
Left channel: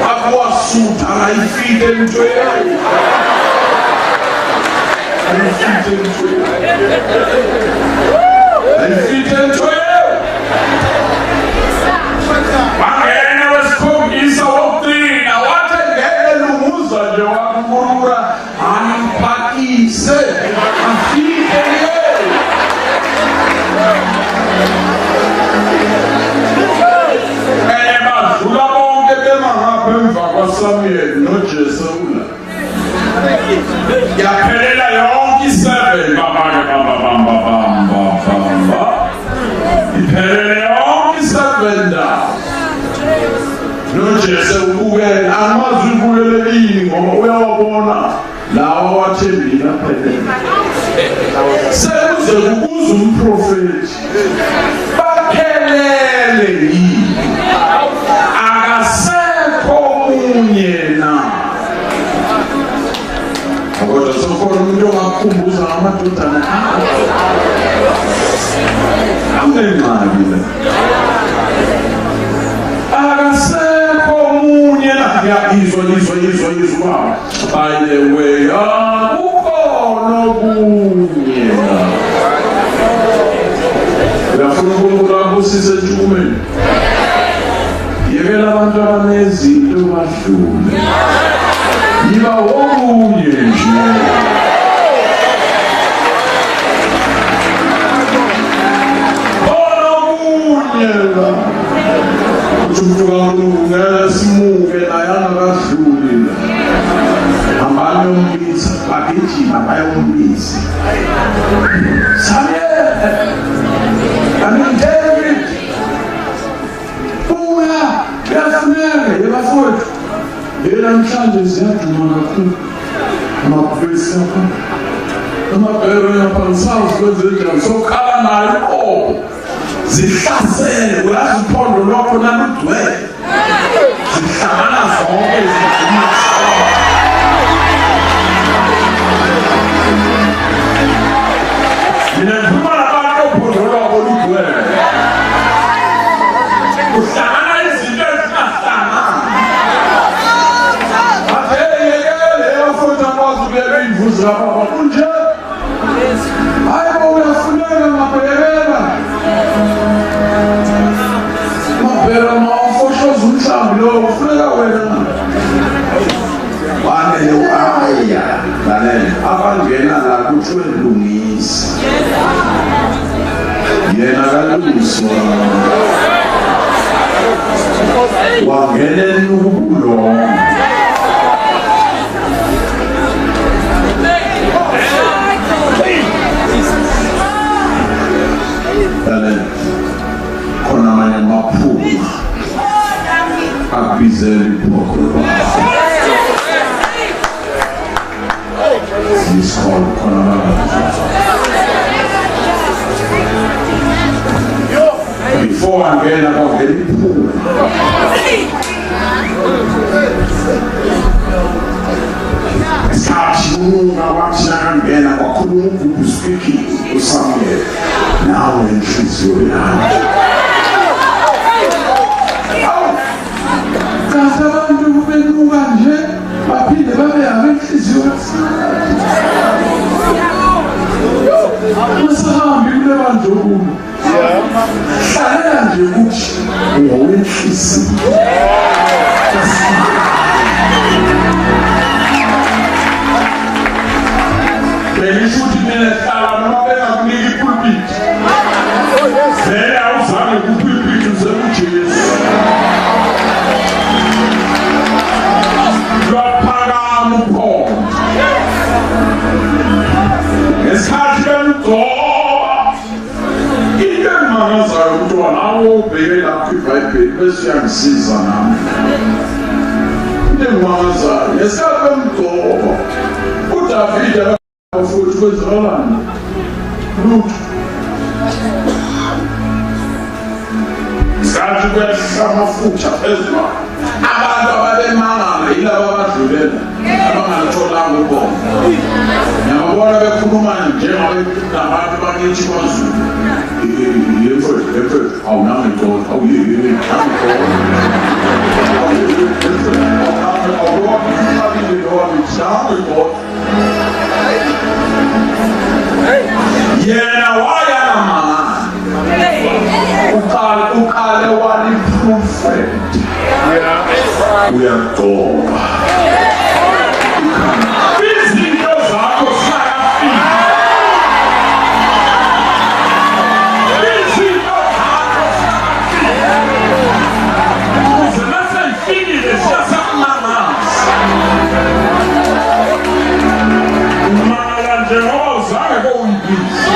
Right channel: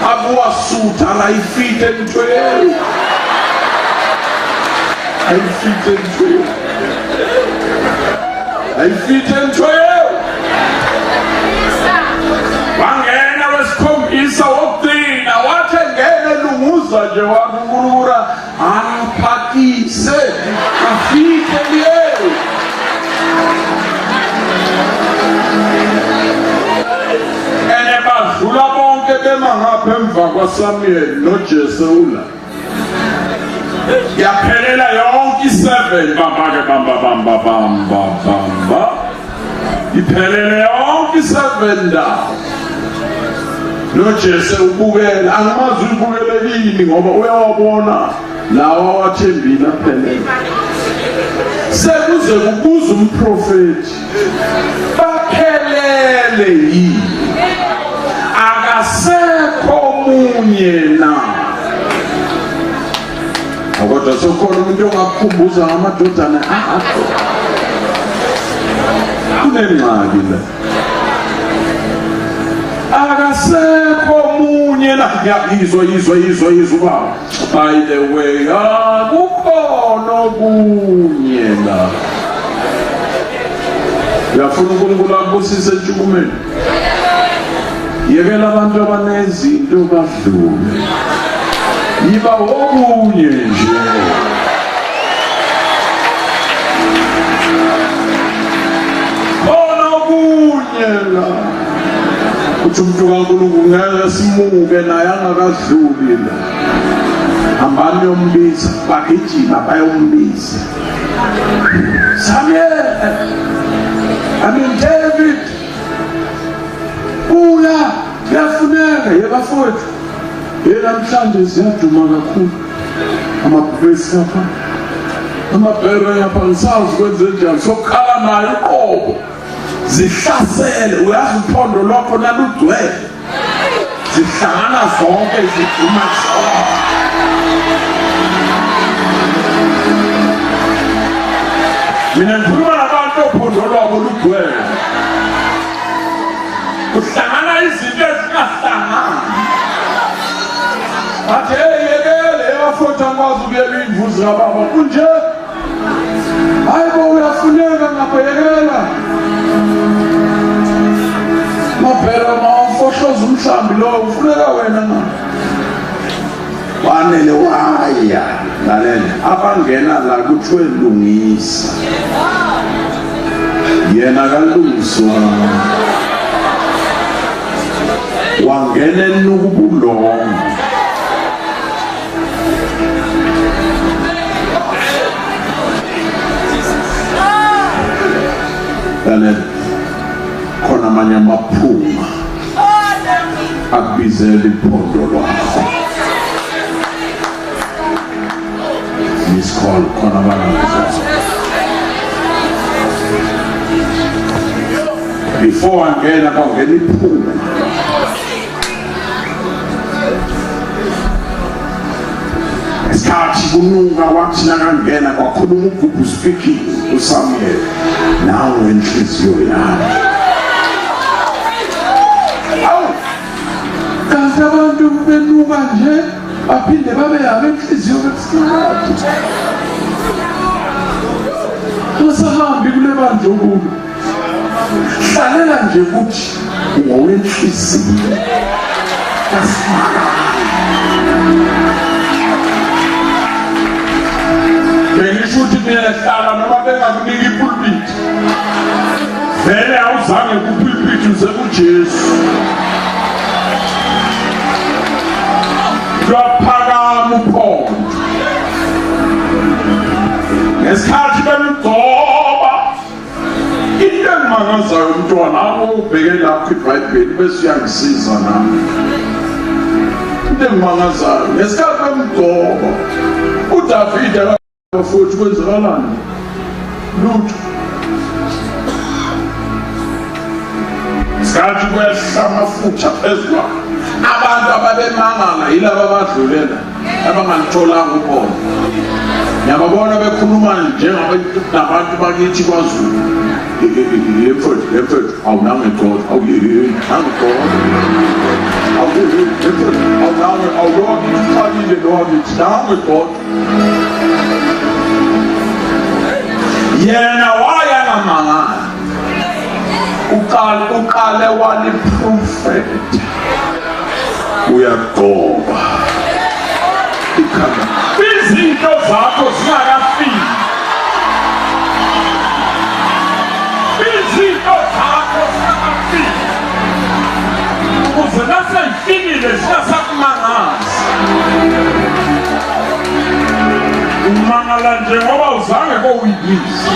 Akuwasutha ayifite into yayo. Ayifite into yayo. Ayifite into yayo. Bangena wesikhombisa wokugcina wathi ngeke lumuza nje wakukulura ampakise afike yeye. Badlula bonke bemangapha emva kwaSamuel noJesula. Yaphelela yonke 7 bamba. Iphelele yonke 7 ndawo. NoJese ubukela angamazi ubukele ini ngoba uyawabona lawa wathembina phelele. Sekuze kubuza umprofeti. Baphelele yini? Yena kodwa sokhona umuntu ongakukhumbuza ngamadodana anengxaki le akasekho omunye la ngiyizwa by the way akukhona omunye la uyafuna uNkulunkulu abusise eNtshukumeni. Yekela abantu abanezinto badlule. Yiba omunye nje. Omunye la. Uthi umuntu kaNkulunkulu ngeke simuke naye angakadluli la. Hambani yombiza, bagijima bayombiza. Samuel. David. Kuyafuneka yebafowethu. Namhlanje siyaduma kakhulu. Amaphesi apha. Amabhero yapha ngisazi kwenze njani. Sokhala nayo uqobo. Zihlasele uyazi uphondo lwakho nalugcwele. Zihlangana zonke ziduma zonke. Mina ngikhuluma nabantu ophondo lwakho lugcwele. Uhlangana izinto ezingahlangana. Athe yekele abafunda kwazi ukuyeka imvuzo yababa kunje. Hayibo uyafuneka ngabhekela. Mabhera mawufoshoza umhlambi lo ufuneka wena na. Wanele waya lalela abangena la kuthiwe lungisa. Yena kalungiswa. Wangene nukubulonga. Khona amanye amaphuma abizela iphondo lwakho. Isikolo khona amanye. Before angena kwangena iphuma. Start kwathi kunuka kwathi nakangena kwakhuluma uGugu speaking uSamuel nawe inhliziyo yami kanti abantu benuka nje baphinde babe yami inhliziyo yasathi usahambi kule bandlu hlalela nje kuthi ngowenhliziyo bengishuthi nehlala noma bengakuniki ipulpit vele awuzange kupulpit usebujesu lwaphakama uphondo ngesikhathi bemgcoba into engimangazayo mntwana ubheke lapho iBhayibheli bese uyangisiza nami into engimangazayo ngesikhathi bemgcoba uDavide futhi kwenzakalani lutho sikhathi kwehla amafutha phezulu abantu ababemangala yilabo abadlulela abangalitholanga ubona nyababona bekhuluma njengabantu bakithi kwaZulu yemfethu awunangekhoda yena wayana mangala uqale waliprofeta uyagcoba izinto zakho zingakafiki izinto zakho zingakafiki ukuze naseyifikile siyasakumangaza umangala njengoba uzange kowuyibisi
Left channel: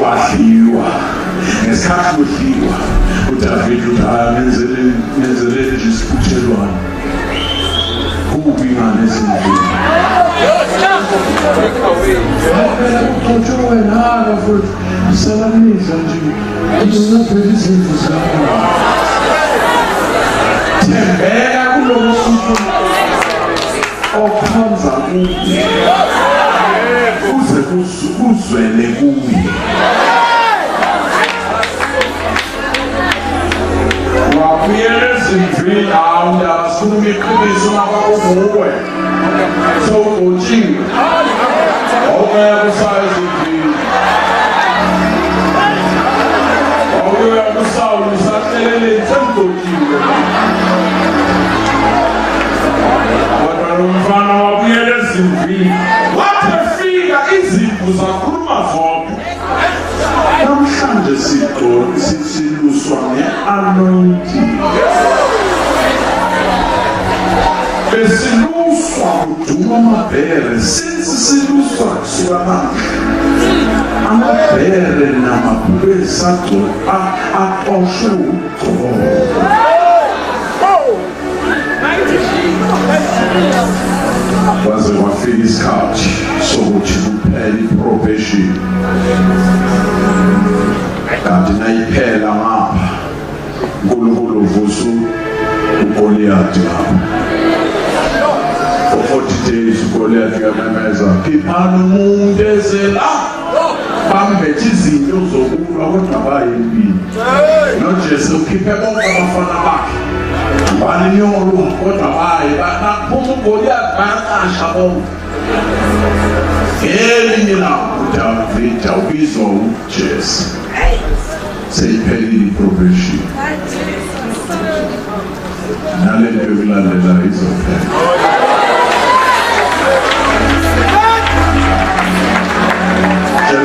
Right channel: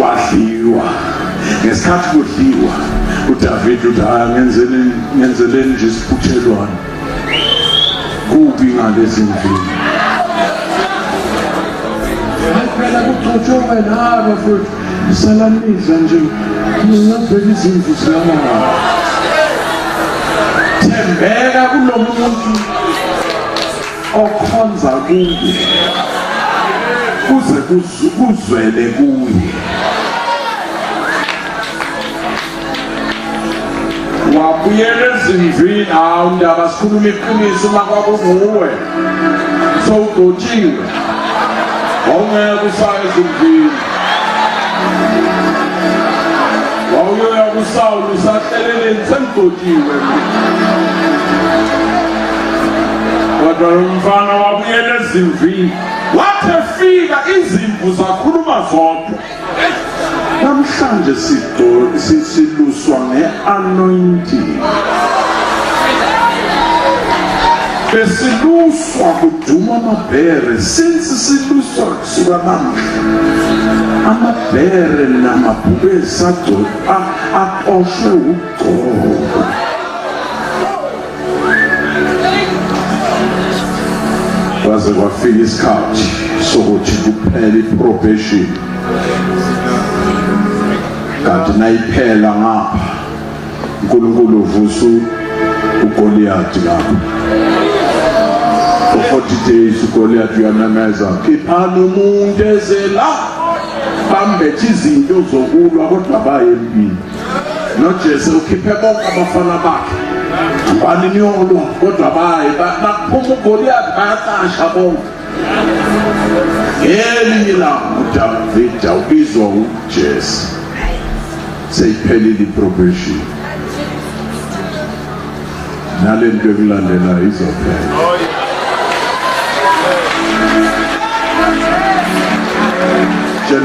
wadliwa ngesikhathi kudliwa uDavide uthi ngenzeleni nje isiphuthelwane kubi ngalezi ndlela phela kuxotshowe nabo futhi isalamisa nje ngizobheka izimvu zami thembeka kulo muntu okhonza kuye kuze kuzwele kuye wabuyela ezimvini hawu ndaba sikhuluma iqiniso makwakunguwe sowudotshiwe awungeke usaya ezimvini wawuyoya kuSawuli usahleleleni semdotshiwe kodwa lo mfana wabuyela ezimvini wathi efika izimvu zakhuluma zodwa namhlanje siluswa nge-anointing besiluswa kuduma amabhere since siluswa kusuka namhla amabhere namabhubesi aqoshwe ugcobo kwaze kwafika isikhathi sokuthi kuphela iprobation kanti nayiphela ngapha uNkulunkulu uvusa uGoliathi lapha for 40 days uGoliathi uyamemeza khiphani umuntu ezela bambethe izinto zokulwa kodwa bayempini noJesu ukhiphe bonke abafana bakhe bani niyolwa kodwa baye baphuma uGoliathi bayaqasha bonke elinye lawo uDavide ubizwa uJesu seyiphelile iprobation nalento yokulandela izophela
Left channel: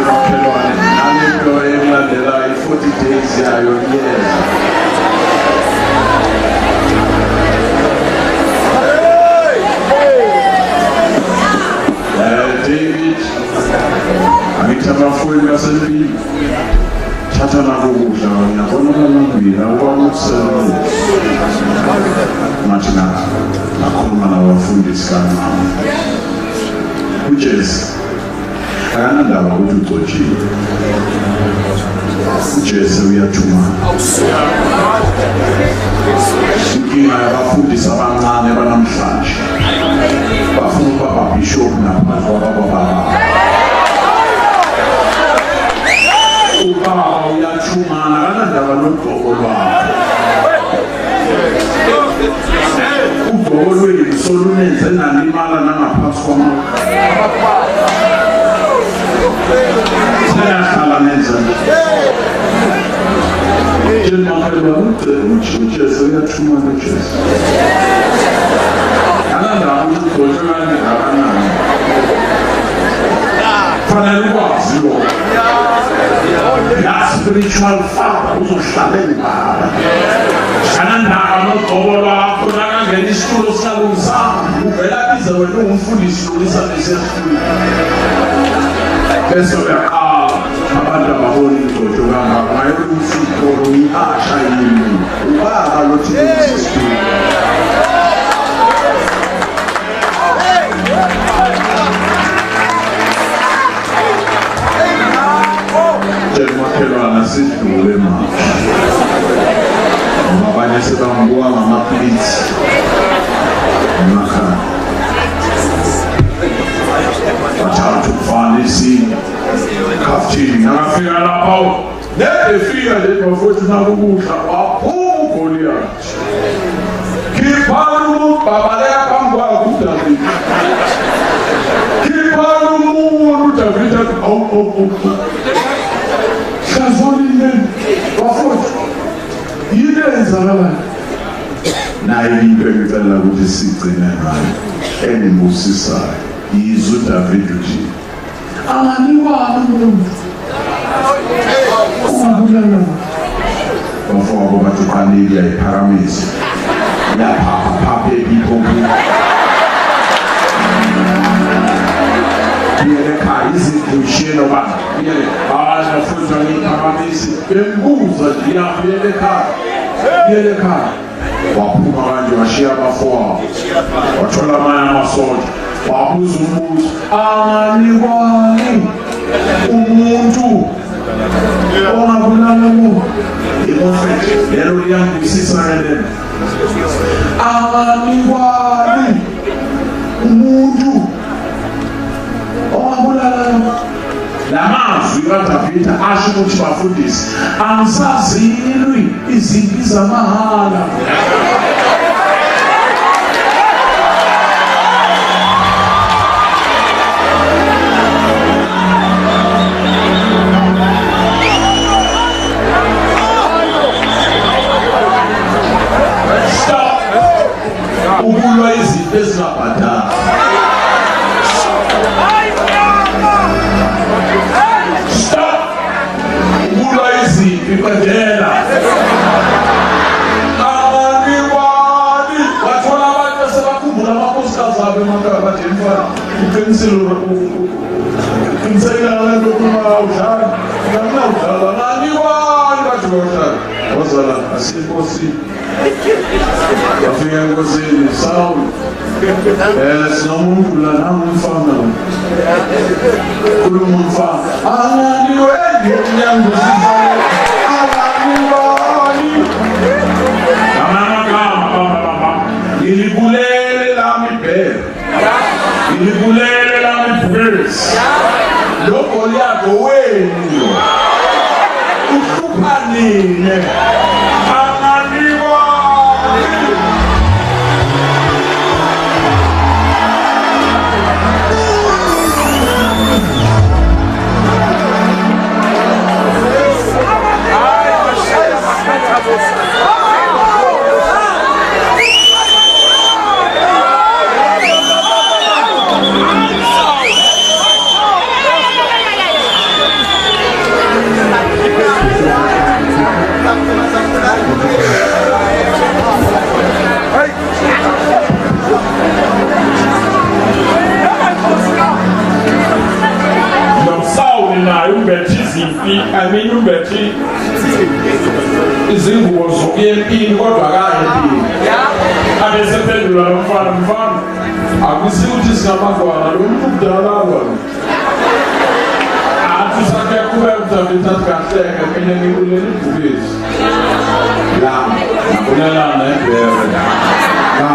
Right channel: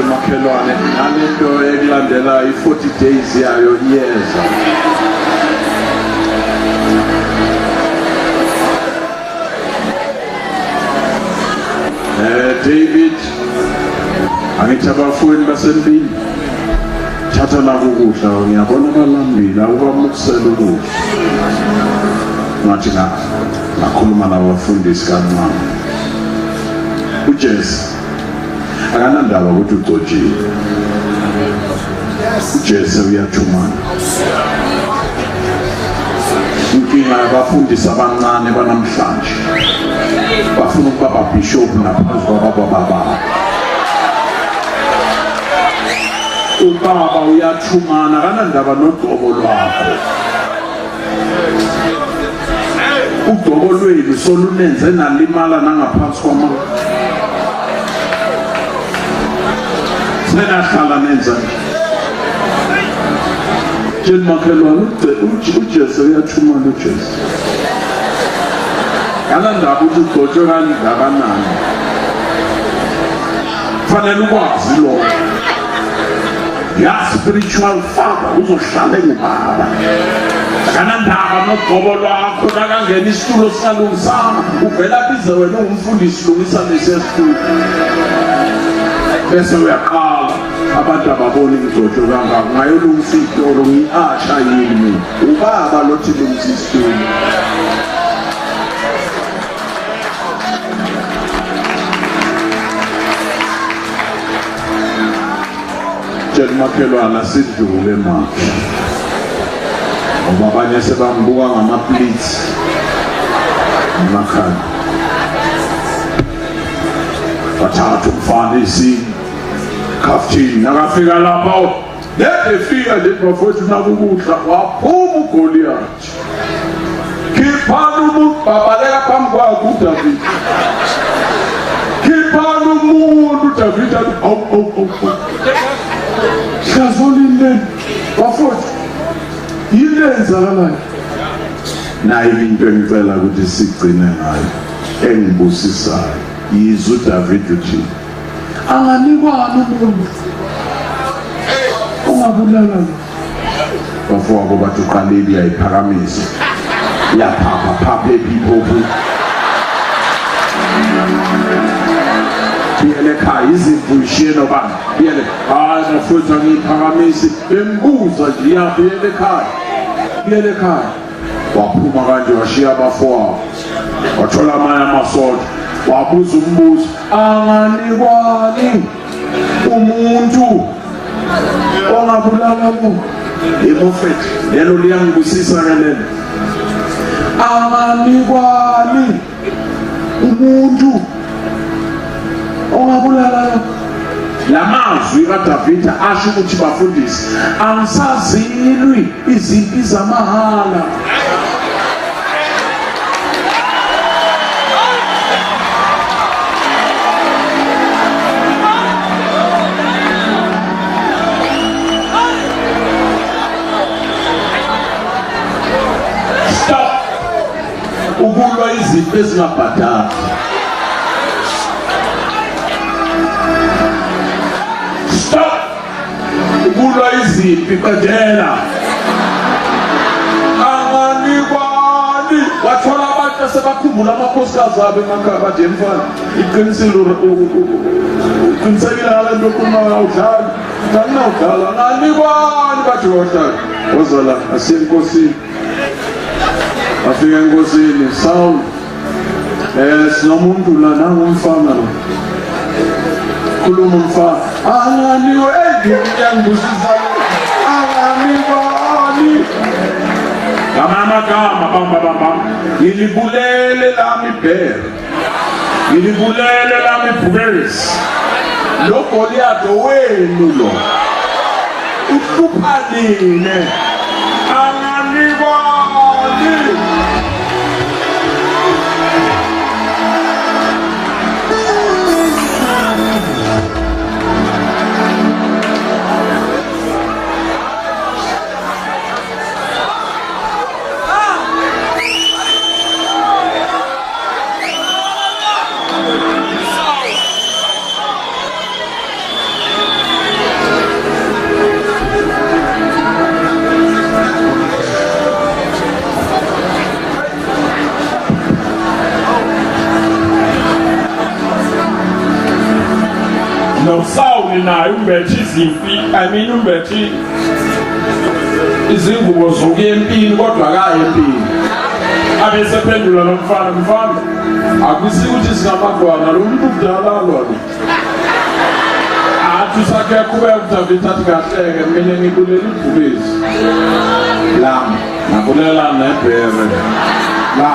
makhelwane nalento ekulandela i-40 days yayo liyeza David angithi abafowethu basempini thatha lapho ukudla ngiyabona phambili awubakusela ngathi nakhuluma nabafundisi kaMama uJesu akanandaba ukuthi ugcotshile uJesu uyathumana inkinga yabafundisi abancane banamhlanje bafuna ukuba babhishophu naphansi kwababa ubaba uyathumana akanandaba nogqobo lwakho ugqobo lwenu solunenze nalimala nangaphansi kwama singahlala nenza Jeni makhelwa uJesu uyathumana uJesu akanandaba ukuthi ugcotshwe kangakanani fanele ukwazi lokho ya spiritual father uzohlala ngibaba kanandaba nogqobo lwakho nakangena isitulo sikalungisama uvela bize wena ungumfundisi lungisa lesesitulo bese uyaqala abantu ababona ingcotsho kangaka ngayolumfitolo ihasha yini ubaba lothi lungsisitulo makhelwana sidlule manje ngoba abanye sebangibuka ngamapliti emakhaya bathatha umfana isini khaftini nakafika lapho nedefika le profethi nakukudla waphuma uGoliathi khiphana umuntu babaleka phambi kwakho uDavid khiphana umuntu uDavid athi awu Kazolile bafowethu yini enzakalayo naye into engicela ukuthi sigcine ngayo engibusisayo yizwe uDavid uthi anganikwani umuntu ungabulala bafowethu bathi uqalile yayiphakamisa yaphapha ephiphopu ekhaya izinto ishiyelo bani hayi futhi ngiphakamisi bembuza nje iyabuyela ekhaya waphuma kanje washiya abafowabo wathola amanye amasotsha wabuza umbuzo anganikwani umuntu ongabulala umuntu iprofethi lelo liyangibusisa ngalelo anganikwani umuntu ongabulala lamazwi kaDavid asho ukuthi bafundisi angisazilwi izimpi zamahala stop ukulwa izimpi ezingabhadala ibadela anganikwani wathola abantu sebakhumbula amakhosikazi abo emakhaya bathi mfana qiniseka lento kuma udlala nginawudlala anganikwani bathi wadlala wazala asenkosini bafika enkosini Saul sinomuntu la nangumfana khuluma umfana anganikwani ngiyangusisa ngilibulele lami ibhele ngilibulele lami ibhubesi lo Goliathi wenu lo uhlupha nini anganikwani izimpi umbethi izingubo zokuya empini kodwa akayi empini. Abesephendula lo mfana akusi ukuthi singamadwana lo muntu kudala lona athi sakhe kube uDavid athi kahleke mina ngikulela ibhubesi la nakulela nebhere la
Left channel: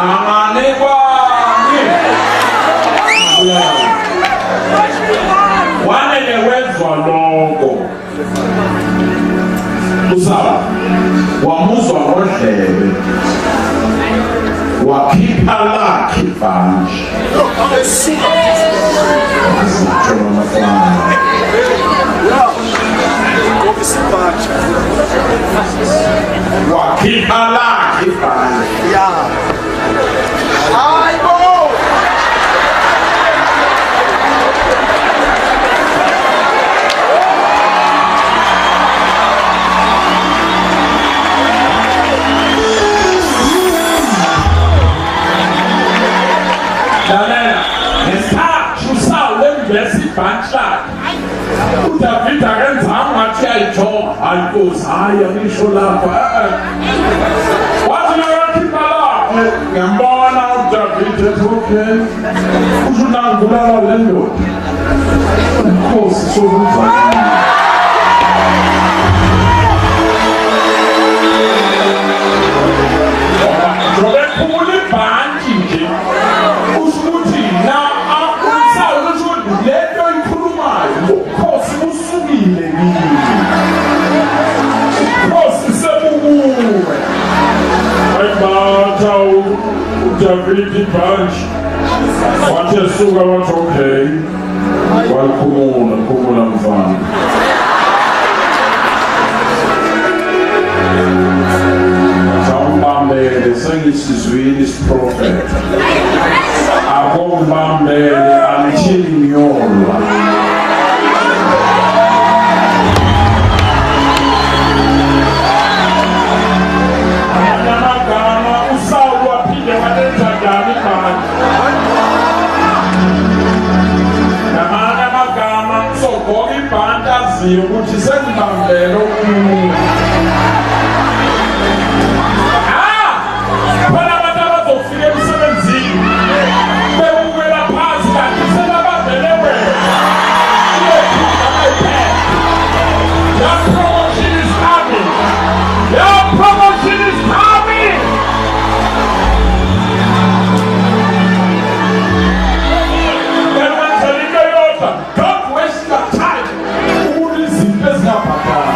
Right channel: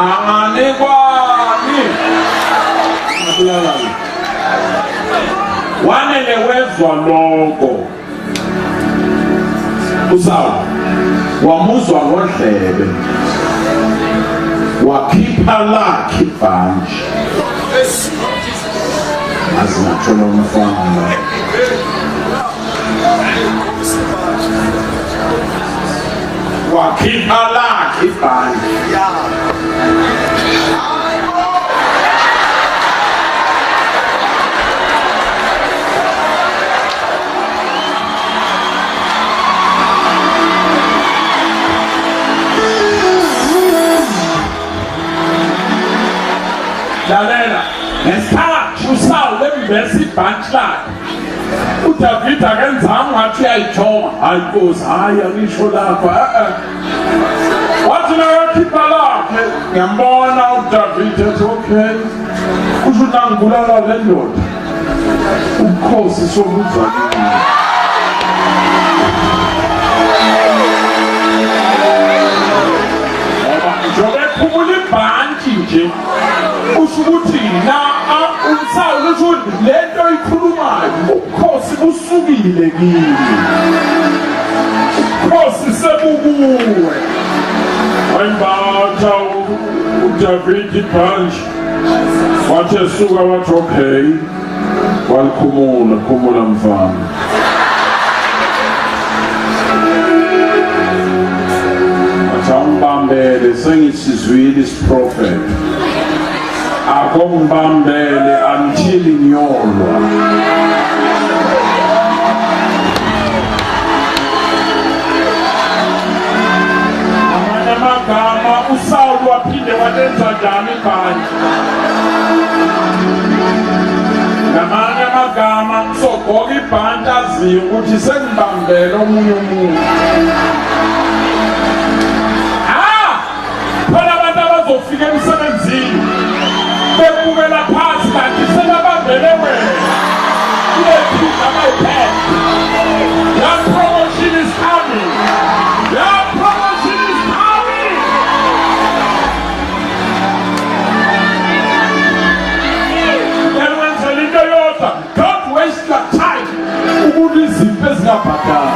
angane kwami nakulela wanele wezwa lokho usawa wamuzwa ngodlebe wakhipha lakhe ibhanji asitsho mfana wakhipha lakhe ibhanji lalela ngesikhathi uSawuli wembesa ibhanti lakhe uDavid akenzanga ngathi uyayijonga hayi Nkosi hayi angisho lapha wathi nakakhipha lakhe ngiyambona uDavid ethi okay kusho nangibulala le ndoda uNkosi sokuza njobe phumula ibhanti nje usukuthi na uSawuli uthi lento ikhulumayo uKhosi usukile kimi uKhosi sebubuwe ayimbatha uDavid ibhanti wathi esuka wathi okay wakhumula mfana Bambele sengisizwini isiprofeti akombambele until inyolwa amagama uSawuli waphinde walenza njani ibhanti ngamanye amagama sogoka ibhanti aziyo ukuthi sengibambele omunye umuntu phela abantu abazofika emsebenzini bebukela phansi kanti sebabambele wena uyephuza abayiphethe. Your promotion is coming. Your promotion is coming. Then when Zelika Yota, don't waste your time ukuthi izinto ezingabhadala.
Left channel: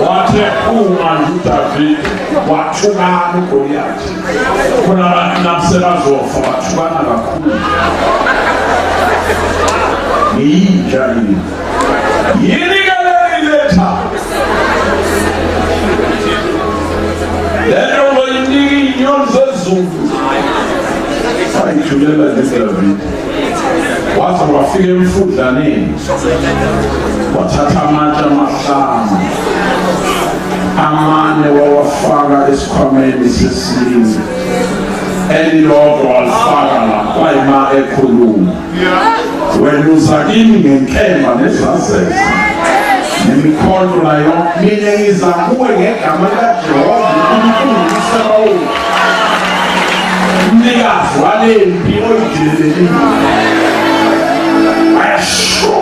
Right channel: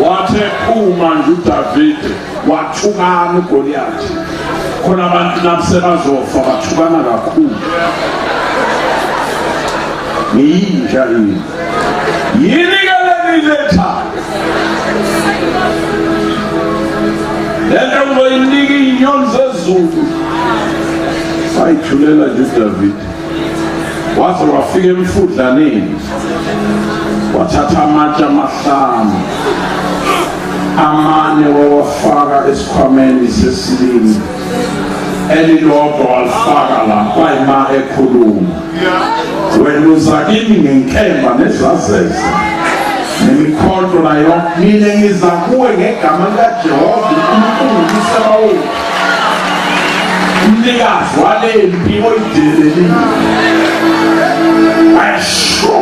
Wathe uma uDavid wathukana uGoliathi khona abantu nasebazofa bathukana kakhulu yinja yini ngaleletha lelo ngoyinika inyoni zezulu ayithulela uDavid wathi wafika emfudlaneni wathatha amatshe amahlanu amane wawafaka esikhwameni sesilindi elilodwa walifaka la kwayima ekhuluma wena uza kimi ngenkemba nezazeze nemikhonto nayo mina ngiza kuwe ngegama likaJehova uNkulunkulu uSabaothi umnikazi walempi oyidelelile ayasho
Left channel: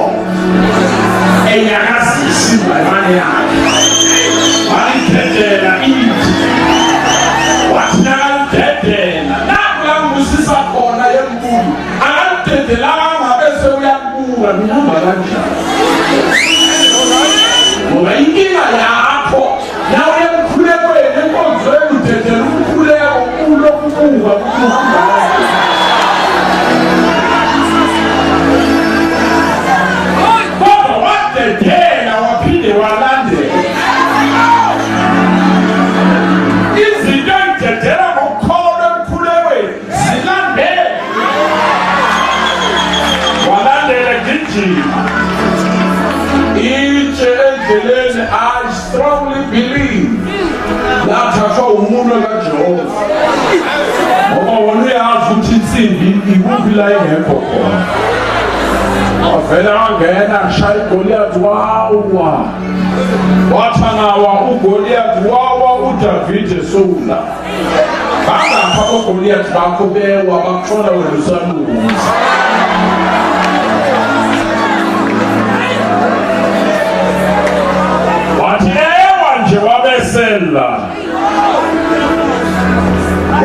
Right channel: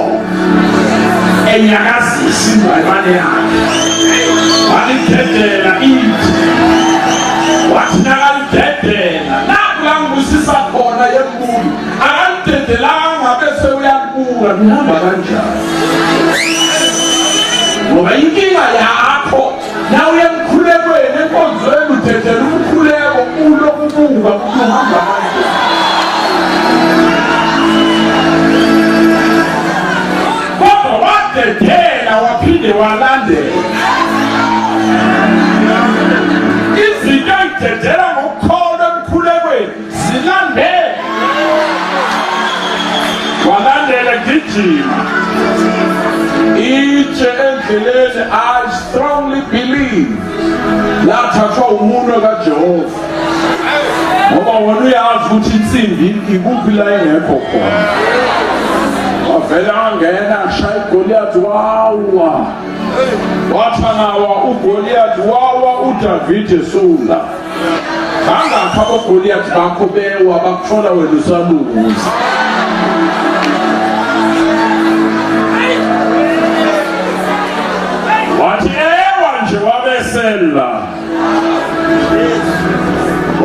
enyakazisa imbayibane yakhe walidedela ithi wathi nakalidedela nakula ngusisa khona yembulo akalidedelanga ngabese uyakubuka nihamba kanjani ngoba inkinga yakho na uyemkhulekweni enkonzweni udedela umkhuleko ulokubuka ukuhamba kodwa wadedela waphinde walandela izinto ey'dedela ngokukholwa emkhulekweni zilandela I strongly believe lathathwa umuntu kaJehova ngoba wona uyazi ukuthi insimbi ikuphi la engekho khona wavela angena ashaya uGoliath wawa wathanawa uGoliath wawa uDavid esula bangapha uGoliath bakho bewa bakuthola wena usaluza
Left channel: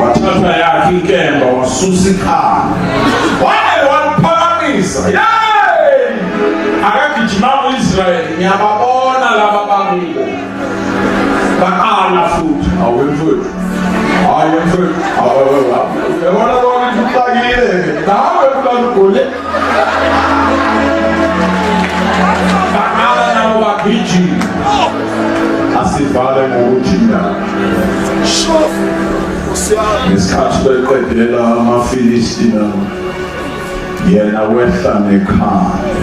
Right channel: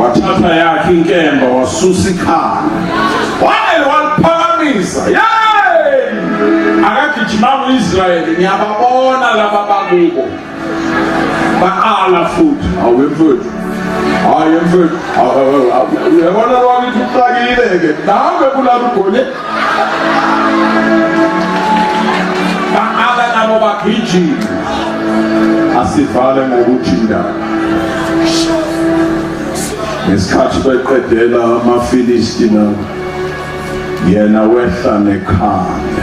wathatha yakhe inkemba wasusa ikhanda waliphakamisa akagijima uIsrayeli ngiyababona laba bakubo baqala futhi awemfowethu uyabona ukuthi uxakile-ke nawe kulala uGoliath baqala nabo bagijima asivale ngokuthi ngesikhathi beqedela amaFilistina yena wehla nekhanda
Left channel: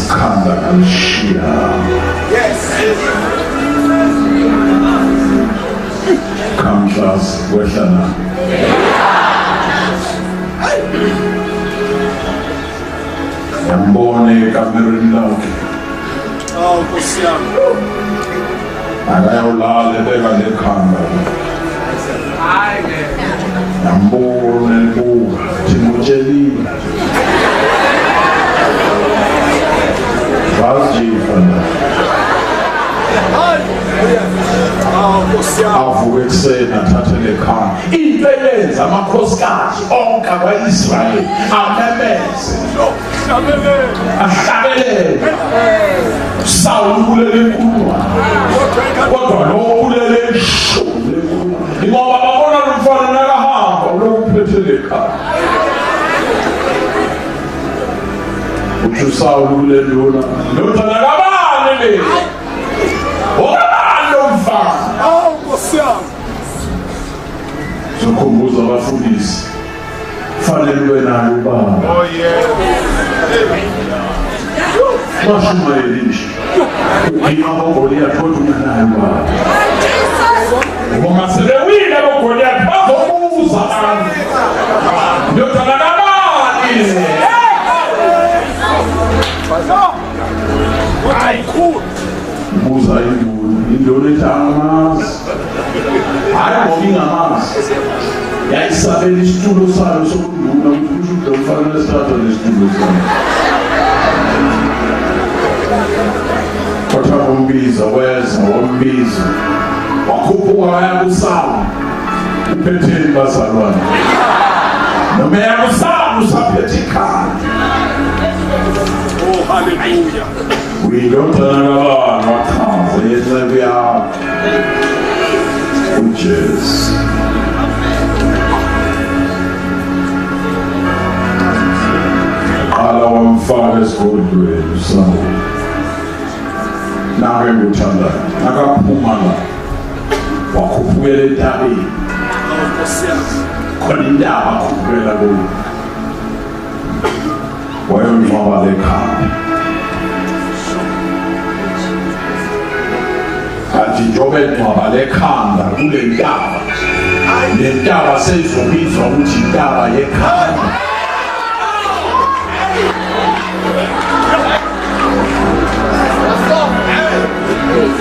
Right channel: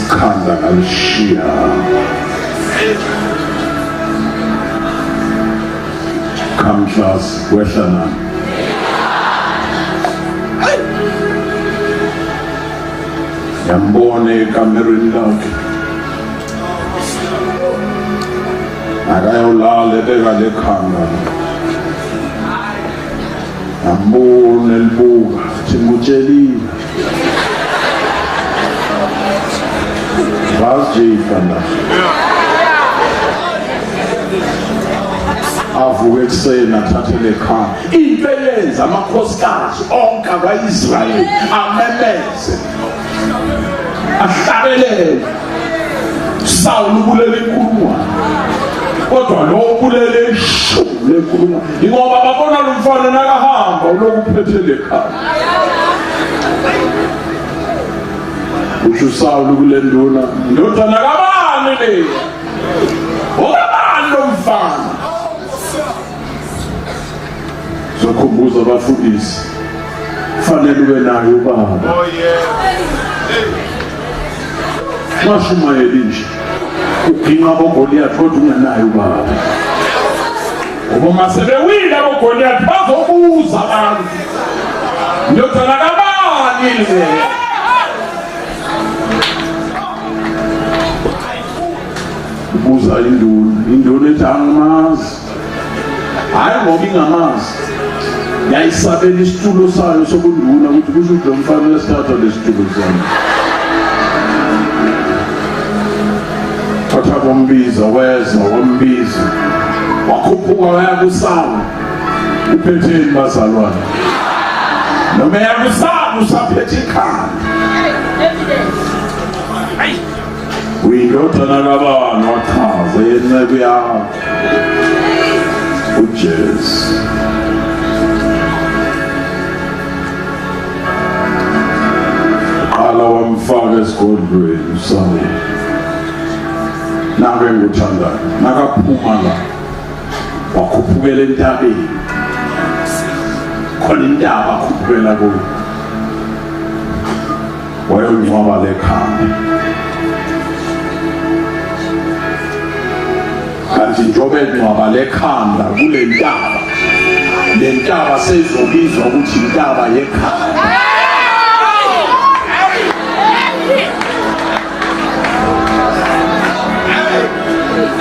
ikhanda kalishiya kamhlas wehla na yambone ekamereni lakhe akayawulala ebeka lekhanda yambona elibuka thimutshelile vazijifa la avuke ekuseni athathe lekhanda into eyenza amakhosikazi onke akwa-Israyeli amemeze ahlabelele Saul ubulele inkulungwane kodwa lo ubulele ishumi lenkulungwane ngoba babona lo mfana nakahamba ulokuphethe lekhanda uthi uSaul ubulele nduna ndodana kabani le obani lo mfana zokhumbuza abafundisi fanele ube nayo ubaba INTSHUMAYELO ukima boGoliath kodwa ungenayo baba uma sebewile boGoliath bazobuza abantu ndodana kabani le buza induna ethi amazi hayi ngoba ingamazi yayisabela isitulo sayo sokunduna ukuthi kusho ukuthi umfana esithatha lesitulo sayo Kotha bombiza weza wombiza wakhuphuka waya kuSaul uphetheni bazalwane noma yakuSaul usaphethe ikhanda uyindodana kabani wachaza yenceku yakho uJesu qala wamfaka esigodlweni uSaul nake nguthandayo nakaphuma la wakhuphukela entabeni khona intaba akhuphukela kuyo wayongcwaba lekhanda kanti njengoba engcwaba lekhanda kule ntaba le ntaba seyizobizwa ukuthi intaba yekhanda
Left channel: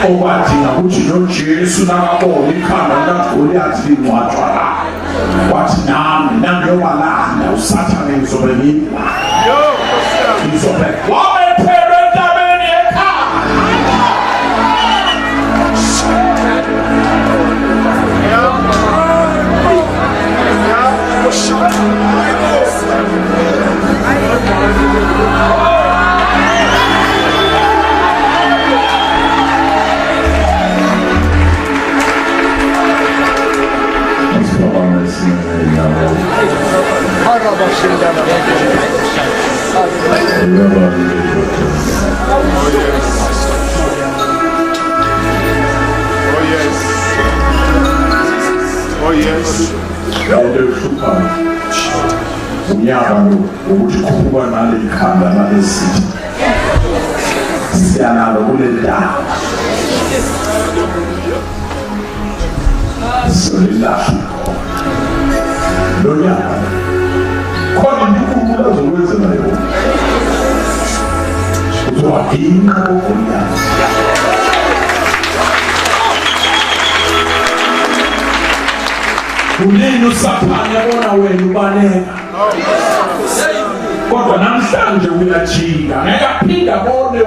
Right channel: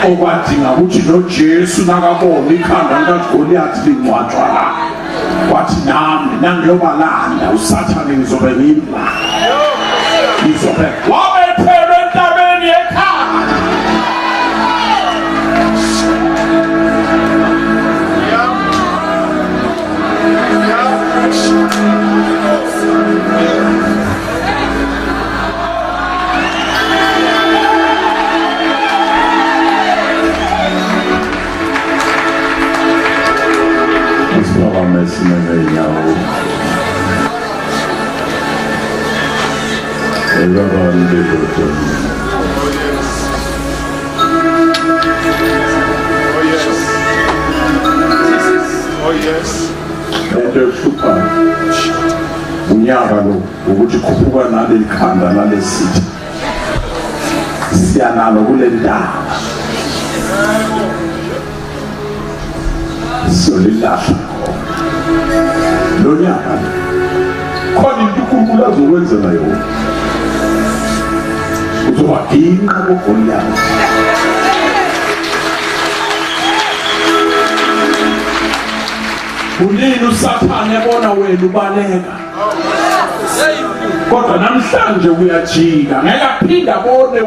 okwadinga ukuthi noJesu nakabona ikhanda likaGoliath lingcwatshwa la wathi nami nangiyobalanda usathane ngizobe ngimlanda ngizobe wabethelwe entabeni yekhanda unyaka lo ukuthi khuphuka nale ikhanda lalesithi siyanalo kule ndawo solilahla lo nyaka khona into uzokwenzela yona uzowadinga ngogonyana unini usaphane yabona wena ubaleka kodwa namhlanje uyajika ngeke aphinda abone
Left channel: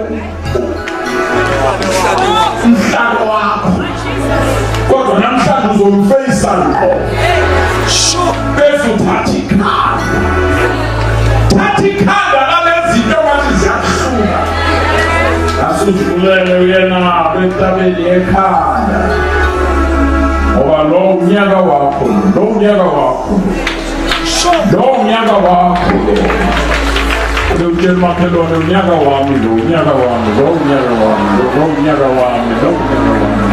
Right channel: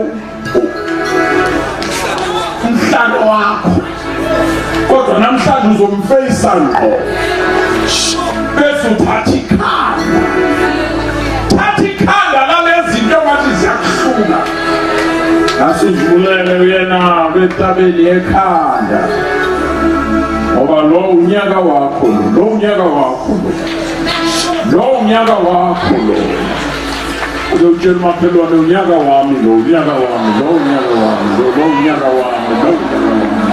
umhlalo wakho kodwa namhlanje uzomfeyisa ngqo bese uthatha ikhanda lalezinto abathi ziyakuhluka asuzivulele uyena betabeli ekhanda ngoba lo unyaka wakho lo unyaka wakho lo unyaka wakho lo utshela umakhelwane unyaka wami lo unyaka wami lo unyaka wami lo unyaka wami lo unyaka wami